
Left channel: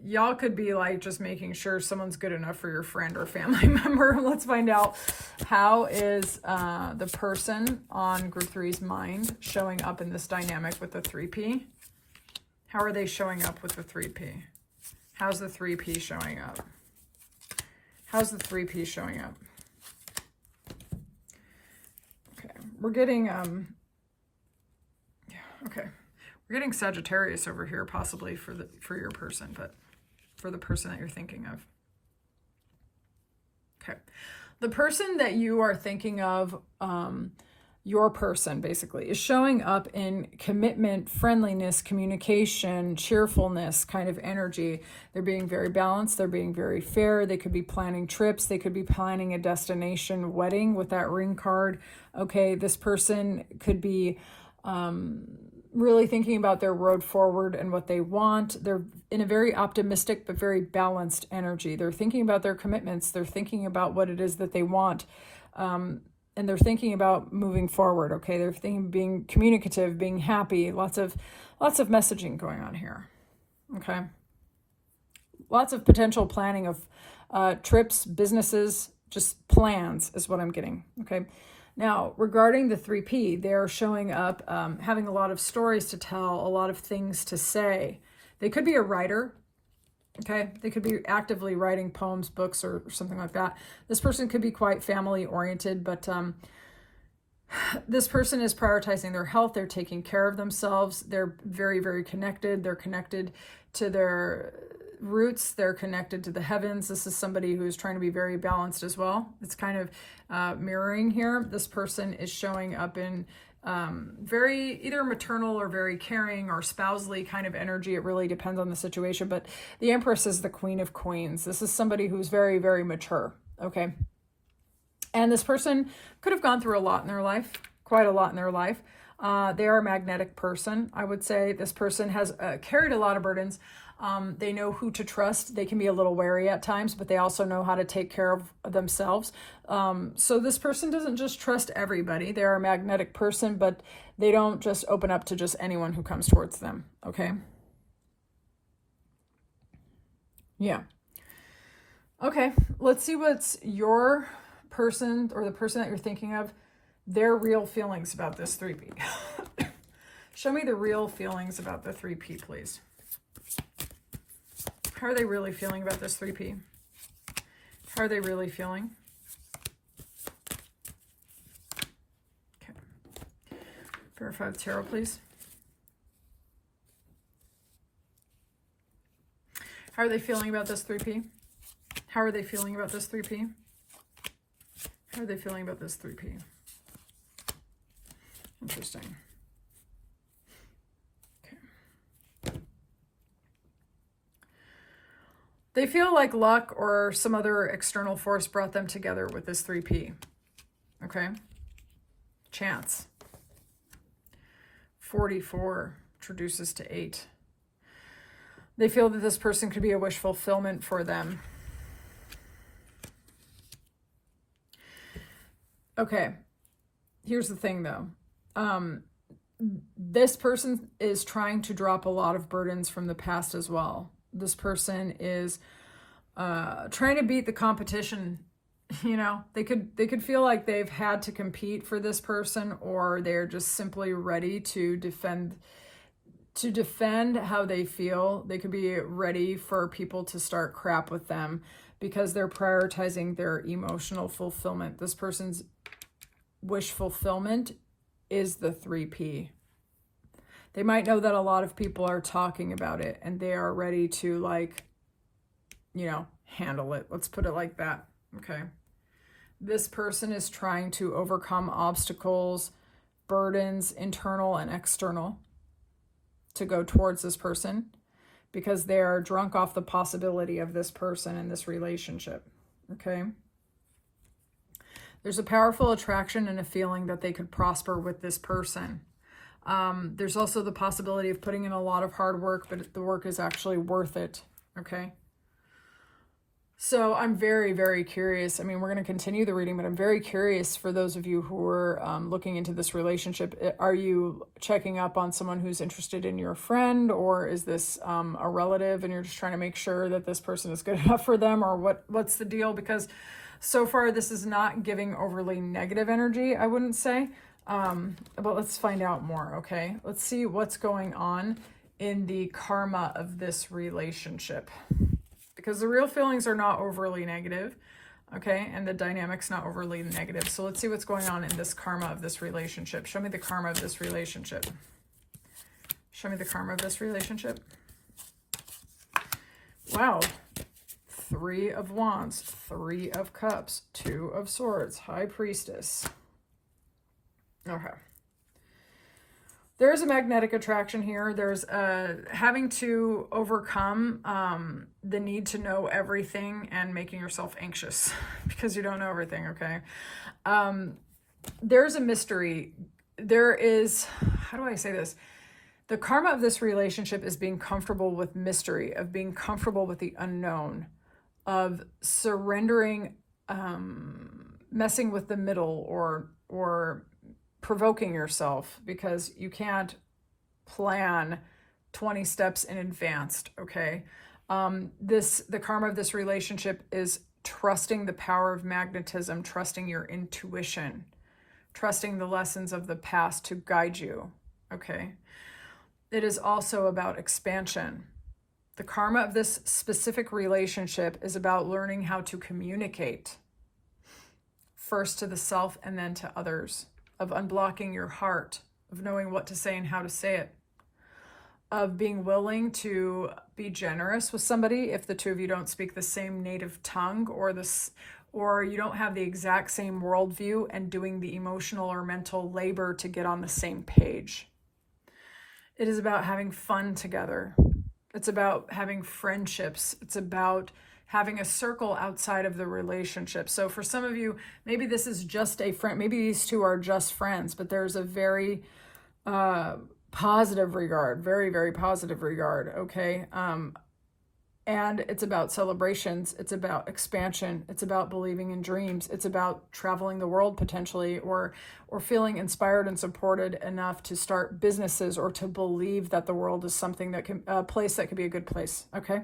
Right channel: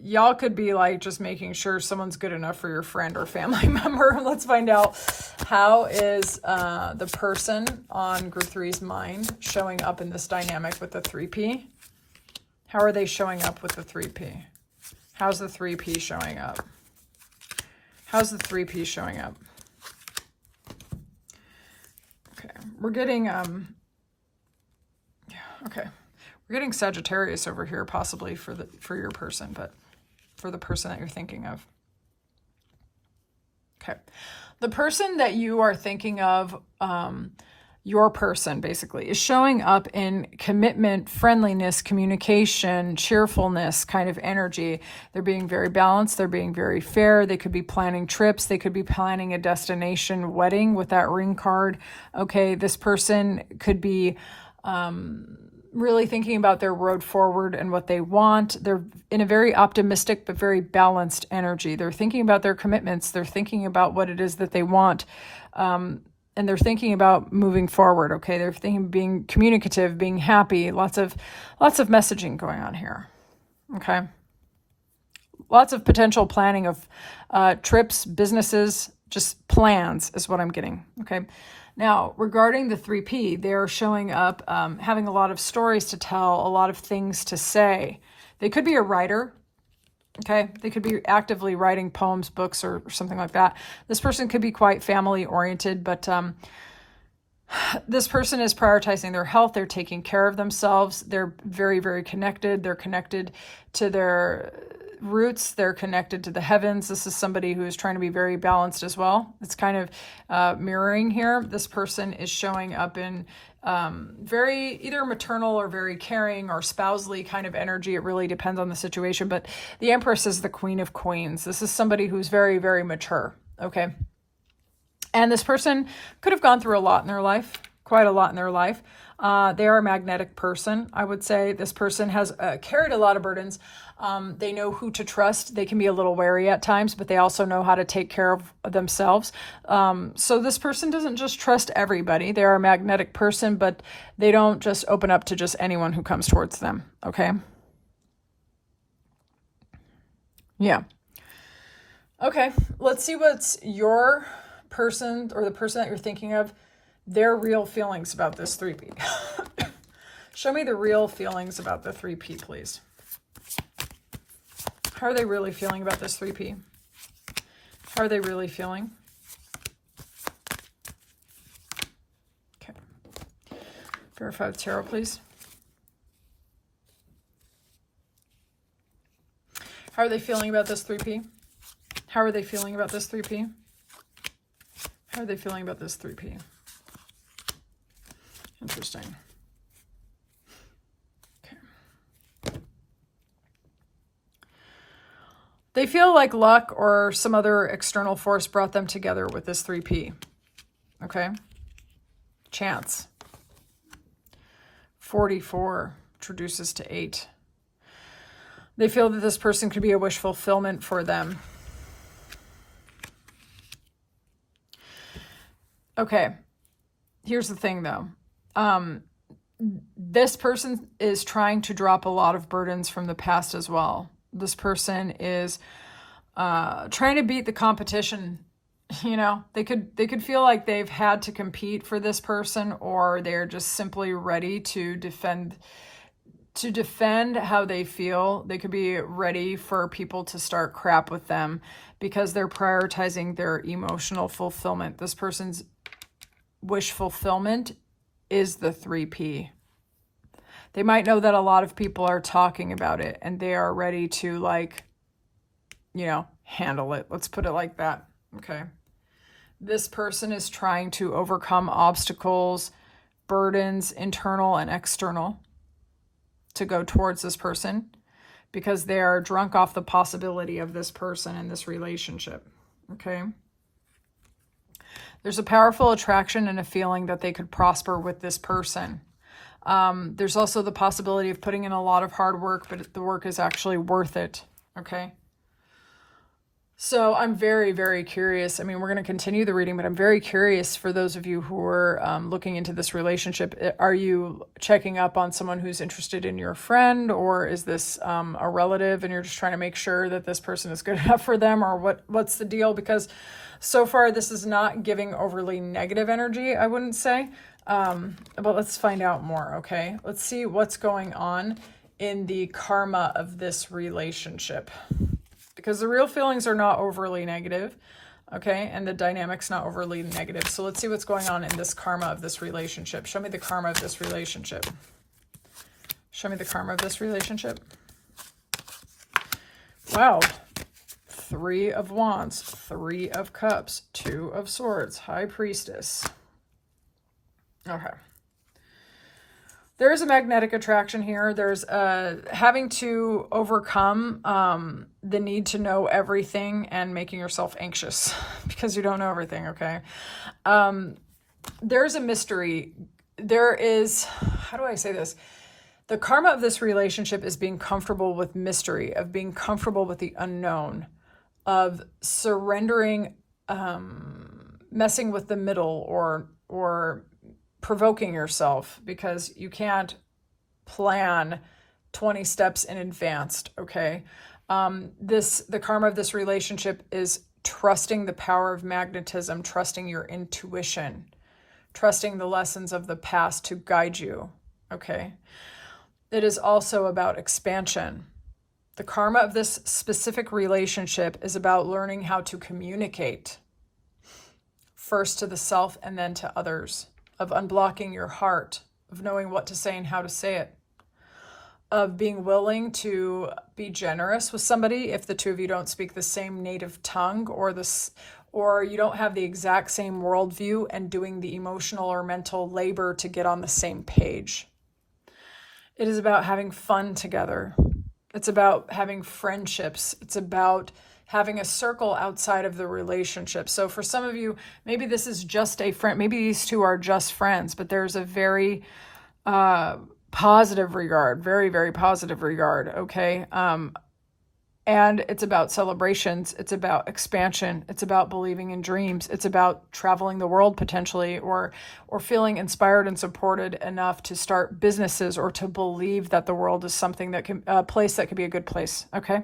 y'all could be like just making sure someone's good enough for your friend or family member. Let's find out, how is the person on group 3's mind showing up in this dynamic with the 3P? How are they showing up with the 3P? How's the 3P showing up? How's the 3P showing up? Okay, we're getting, okay. We're getting Sagittarius over here, possibly for your person, but for the person that you're thinking of. Okay. The person that you are thinking of, your person basically, is showing up in commitment, friendliness, communication, cheerfulness kind of energy. They're being very balanced. They're being very fair. They could be planning trips. They could be planning a destination wedding with that ring card. Okay. This person could be, really thinking about their road forward and what they want. They're in a very optimistic but very balanced energy. They're thinking about their commitments. They're thinking about what it is that they want. And they're thinking about moving forward. Okay. They're thinking of being communicative, being happy, lots of messaging going on here. Okay. Lots of potential planning of trips, businesses, just plans is what I'm getting. Okay. Now, regarding the 3P, they're showing up having a lot of stories to tell, a lot of things to say. They could be a writer, okay? They could be actively writing poems, books, or something like that. This person could be quite family-oriented, but this person is prioritizing their health. They're taking care of themselves. They're very, very connected. They're connected to their roots. They're connected to the heavens. This is somebody who is trying to be very balanced as well. It's kind of mirroring here. This person is showing up in very either maternal or very caring or spousely kind of energy. It really depends on the situation, but the Empress is the Queen of Queens. This is somebody who's very, very mature. Okay. And this person could have gone through a lot in their life, quite a lot in their life. They are a magnetic person. I would say this person has carried a lot of burdens. They know who to trust. They can be a little wary at times, but they also know how to take care of themselves. So this person doesn't just trust everybody. They are a magnetic person, but they don't just open up to just anyone who comes towards them. Okay. Yeah. Okay. Let's see what's your person or the person that you're thinking of, their real feelings about this 3P. Show me the real feelings about the 3P, please. How are they really feeling about this 3P? How are they really feeling? Okay. Verify the tarot, please. How are they feeling about this 3P? How are they feeling about this 3P? How are they feeling about this 3P? Interesting. Okay. They feel like luck or some other external force brought them together with this 3P. Okay. Chance. 44 reduces to 8. They feel that this person could be a wish fulfillment for them. Okay. Here's the thing though. This person is trying to drop a lot of burdens from the past as well. This person is trying to beat the competition. You know, they could feel like they've had to compete for this person, or they're just simply ready to defend how they feel. They could be ready for people to start crap with them because they're prioritizing their emotional fulfillment. This person's wish fulfillment is the 3P. They might know that a lot of people are talking about it and they are ready to, like, you know, handle it. Let's put it like that. Okay. This person is trying to overcome obstacles, burdens, internal and external, to go towards this person because they are drunk off the possibility of this person in this relationship. Okay. There's a powerful attraction and a feeling that they could prosper with this person. There's also the possibility of putting in a lot of hard work, but the work is actually worth it. Okay. So I'm very, very curious. I mean, we're going to continue the reading, but I'm very curious for those of you who are looking into this relationship. Are you checking up on someone who's interested in your friend, or is this a relative and you're just trying to make sure that this person is good enough for them, or what's the deal? Because so far this is not giving overly negative energy, I wouldn't say. But let's find out more, okay? Let's see what's going on in the karma of this relationship. because the real feelings are not overly negative, okay? And the dynamic's not overly negative. So let's see what's going on in this karma of this relationship. Show me the karma of this relationship. Show me the karma of this relationship. Wow. 3 of Wands, 3 of Cups, 2 of Swords, High Priestess. Okay. There's a magnetic attraction here. There's having to overcome the need to know everything and making yourself anxious because you don't know everything, okay? There's a mystery. There is, how do I say this? The karma of this relationship is being comfortable with mystery, of being comfortable with the unknown, of surrendering, messing with the middle, or provoking yourself, because you can't plan 20 steps in advance, okay? The karma of this relationship is trusting the power of magnetism, trusting your intuition, trusting the lessons of the past to guide you, okay? It is also about expansion. The karma of this specific relationship is about learning how to communicate, first to the self and then to others, of unblocking your heart, of knowing what to say and how to say it, of being willing to be generous with somebody if the two of you don't speak the same native tongue, or you don't have the exact same worldview, and doing the emotional or mental labor to get on the same page. It is about having fun together. It's about having friendships. It's about having a circle outside of the relationship. So for some of you, maybe this is just a friend. Maybe these two are just friends, but there's a very positive regard, very, very positive regard, okay? And it's about celebrations. It's about expansion. It's about believing in dreams. It's about traveling the world potentially, or feeling inspired and supported enough to start businesses, or to believe that the world is something that can, a place that can be a good place, okay?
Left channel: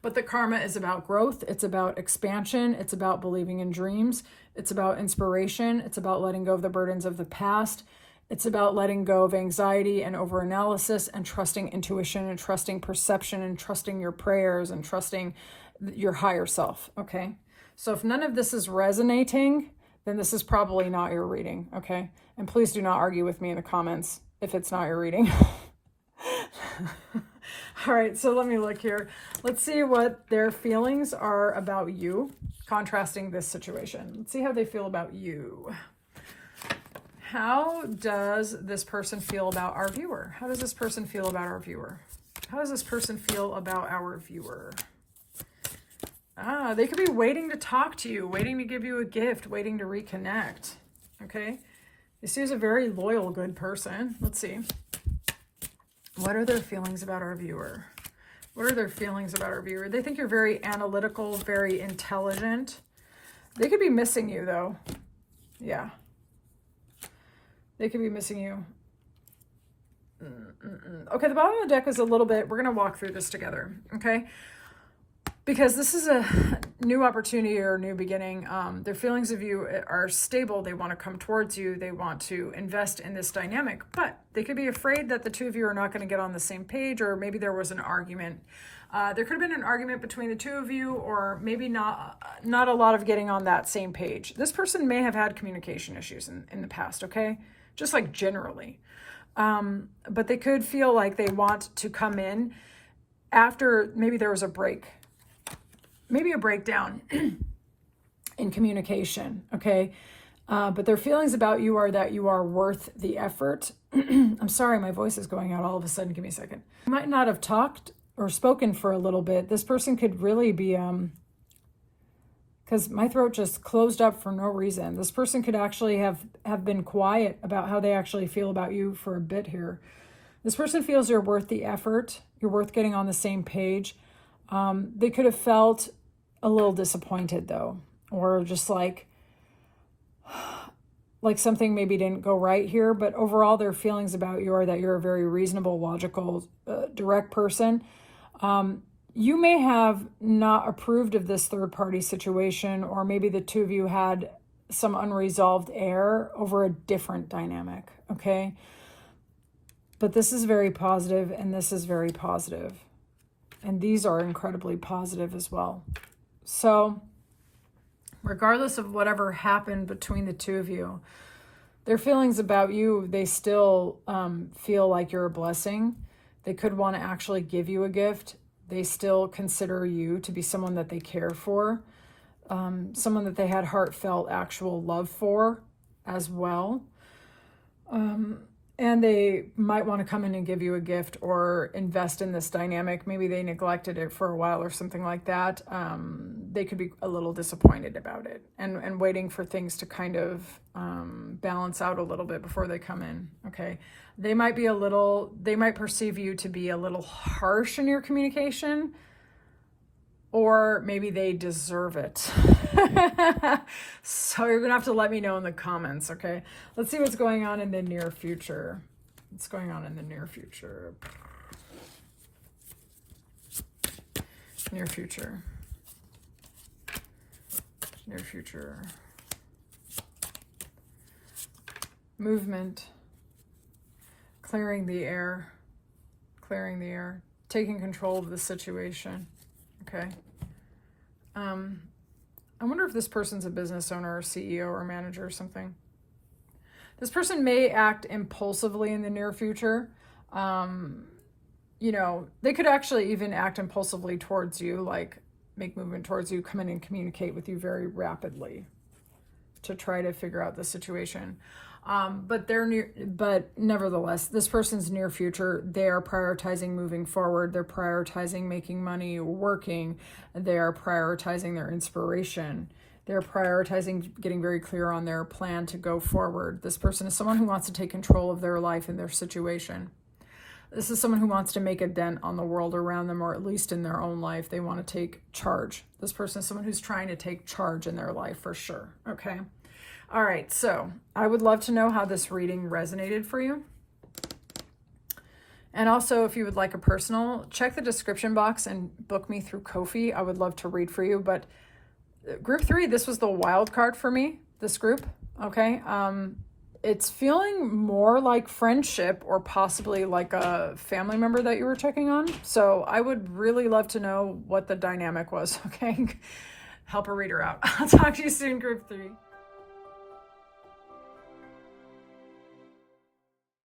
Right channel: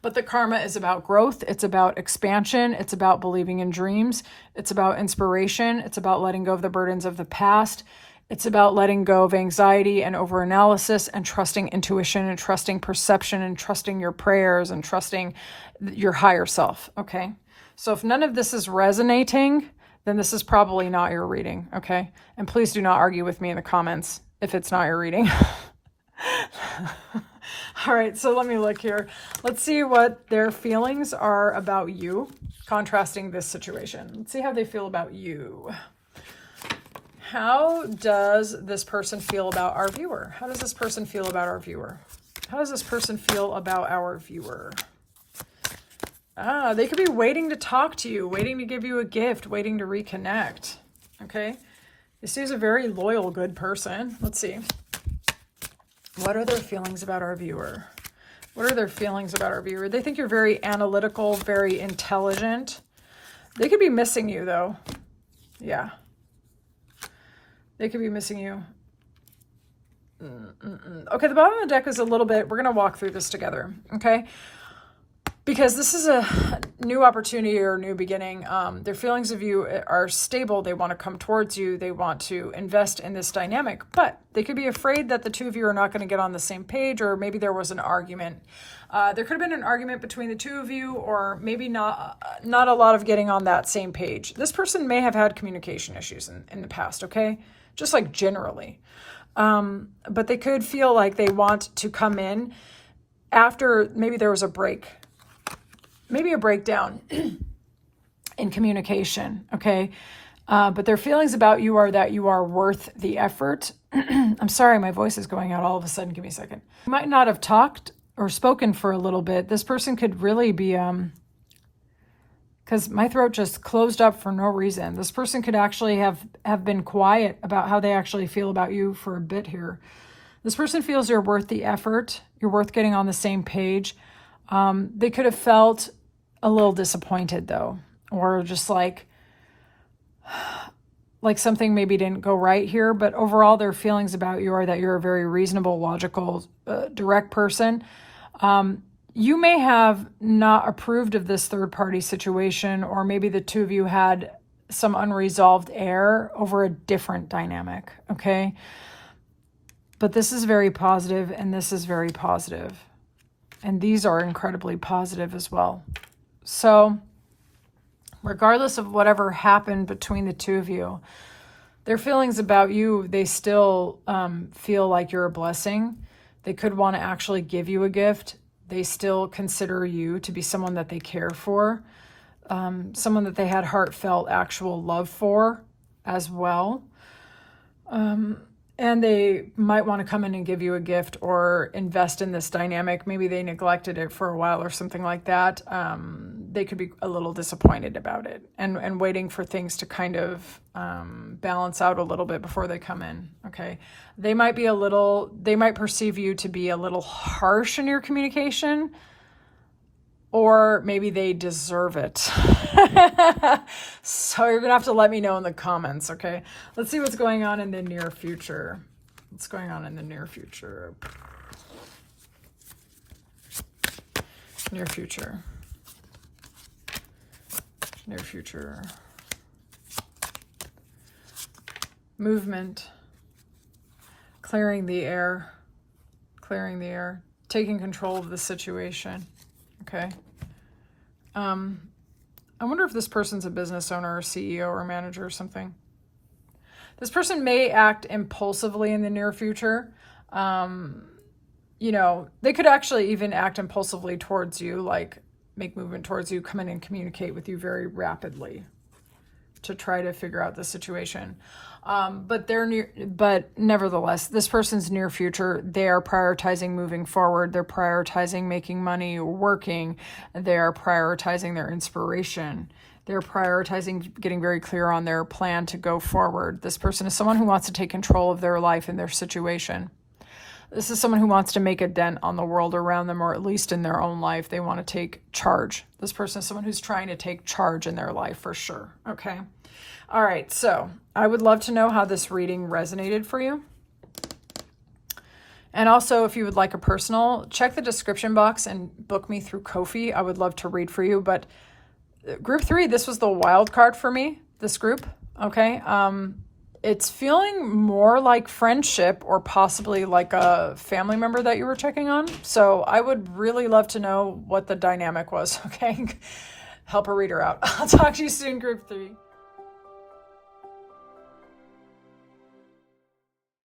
But the karma is about growth. It's about expansion. It's about believing in dreams. It's about inspiration. It's about letting go of the burdens of the past. It's about letting go of anxiety and overanalysis, and trusting intuition, and trusting perception, and trusting your prayers, and trusting your higher self, okay? So if none of this is resonating, then this is probably not your reading, okay? And please do not argue with me in the comments if it's not your reading. All right, so let me look here. Let's see what their feelings are about you, contrasting this situation. Let's see how they feel about you. How does this person feel about our viewer? How does this person feel about our viewer? How does this person feel about our viewer? They could be waiting to talk to you, waiting to give you a gift, waiting to reconnect, okay? This is a very loyal, good person. Let's see. What are their feelings about our viewer? What are their feelings about our viewer? They think you're very analytical, very intelligent. They could be missing you, though. Yeah. They could be missing you. Okay, the bottom of the deck is a little bit, we're going to walk through this together, okay? Because this is a new opportunity or a new beginning. Their feelings of you are stable. They want to come towards you. They want to invest in this dynamic, but they could be afraid that the two of you are not going to get on the same page, or maybe there was an argument. There could have been an argument between the two of you, or maybe not a lot of getting on that same page. This person may have had communication issues in the past, okay? Just like generally. But they could feel like they want to come in after maybe there was a break. Maybe a breakdown in communication, okay? But their feelings about you are that you are worth the effort. I'm sorry, my voice is going out all of a sudden. Give me a second. You might not have talked or spoken for a little bit. This person could really be, because my throat just closed up for no reason. This person could actually have been quiet about how they actually feel about you for a bit here. This person feels you're worth the effort. You're worth getting on the same page. They could have felt a little disappointed though, or just like something maybe didn't go right here, but overall their feelings about you are that you're a very reasonable, logical, direct person. You may have not approved of this third-party situation, or maybe the two of you had some unresolved air over a different dynamic, okay? But this is very positive, and this is very positive. And these are incredibly positive as well. So regardless of whatever happened between the two of you, their feelings about you, they still feel like you're a blessing. They could want to actually give you a gift. They still consider you to be someone that they care for, someone that they had heartfelt, actual love for as well. And they might want to come in and give you a gift or invest in this dynamic. Maybe they neglected it for a while or something like that. They could be a little disappointed about it and waiting for things to kind of balance out a little bit before they come in, okay? They might perceive you to be a little harsh in your communication, or maybe they deserve it. So you're gonna have to let me know in the comments, okay? Let's see what's going on in the near future. What's going on in the near future? Near future. Near future. Movement. Clearing the air. Clearing the air. Taking control of the situation. Okay. I wonder if this person's a business owner or CEO or manager or something. This person may act impulsively in the near future. You know, they could actually even act impulsively towards you, like make movement towards you, come in and communicate with you very rapidly to try to figure out the situation. But nevertheless, this person's near future, they are prioritizing moving forward. They're prioritizing making money, working. They're prioritizing their inspiration. They're prioritizing getting very clear on their plan to go forward. This person is someone who wants to take control of their life and their situation. This is someone who wants to make a dent on the world around them, or at least in their own life. They want to take charge. This person is someone who's trying to take charge in their life for sure. Okay. All right. So I would love to know how this reading resonated for you. And also, if you would like a personal, check the description box and book me through Ko-fi. I would love to read for you. But group 3, this was the wild card for me, this group. Okay. It's feeling more like friendship or possibly like a family member that you were checking on. So I would really love to know what the dynamic was, okay? Help a reader out. I'll talk to you soon, group 3.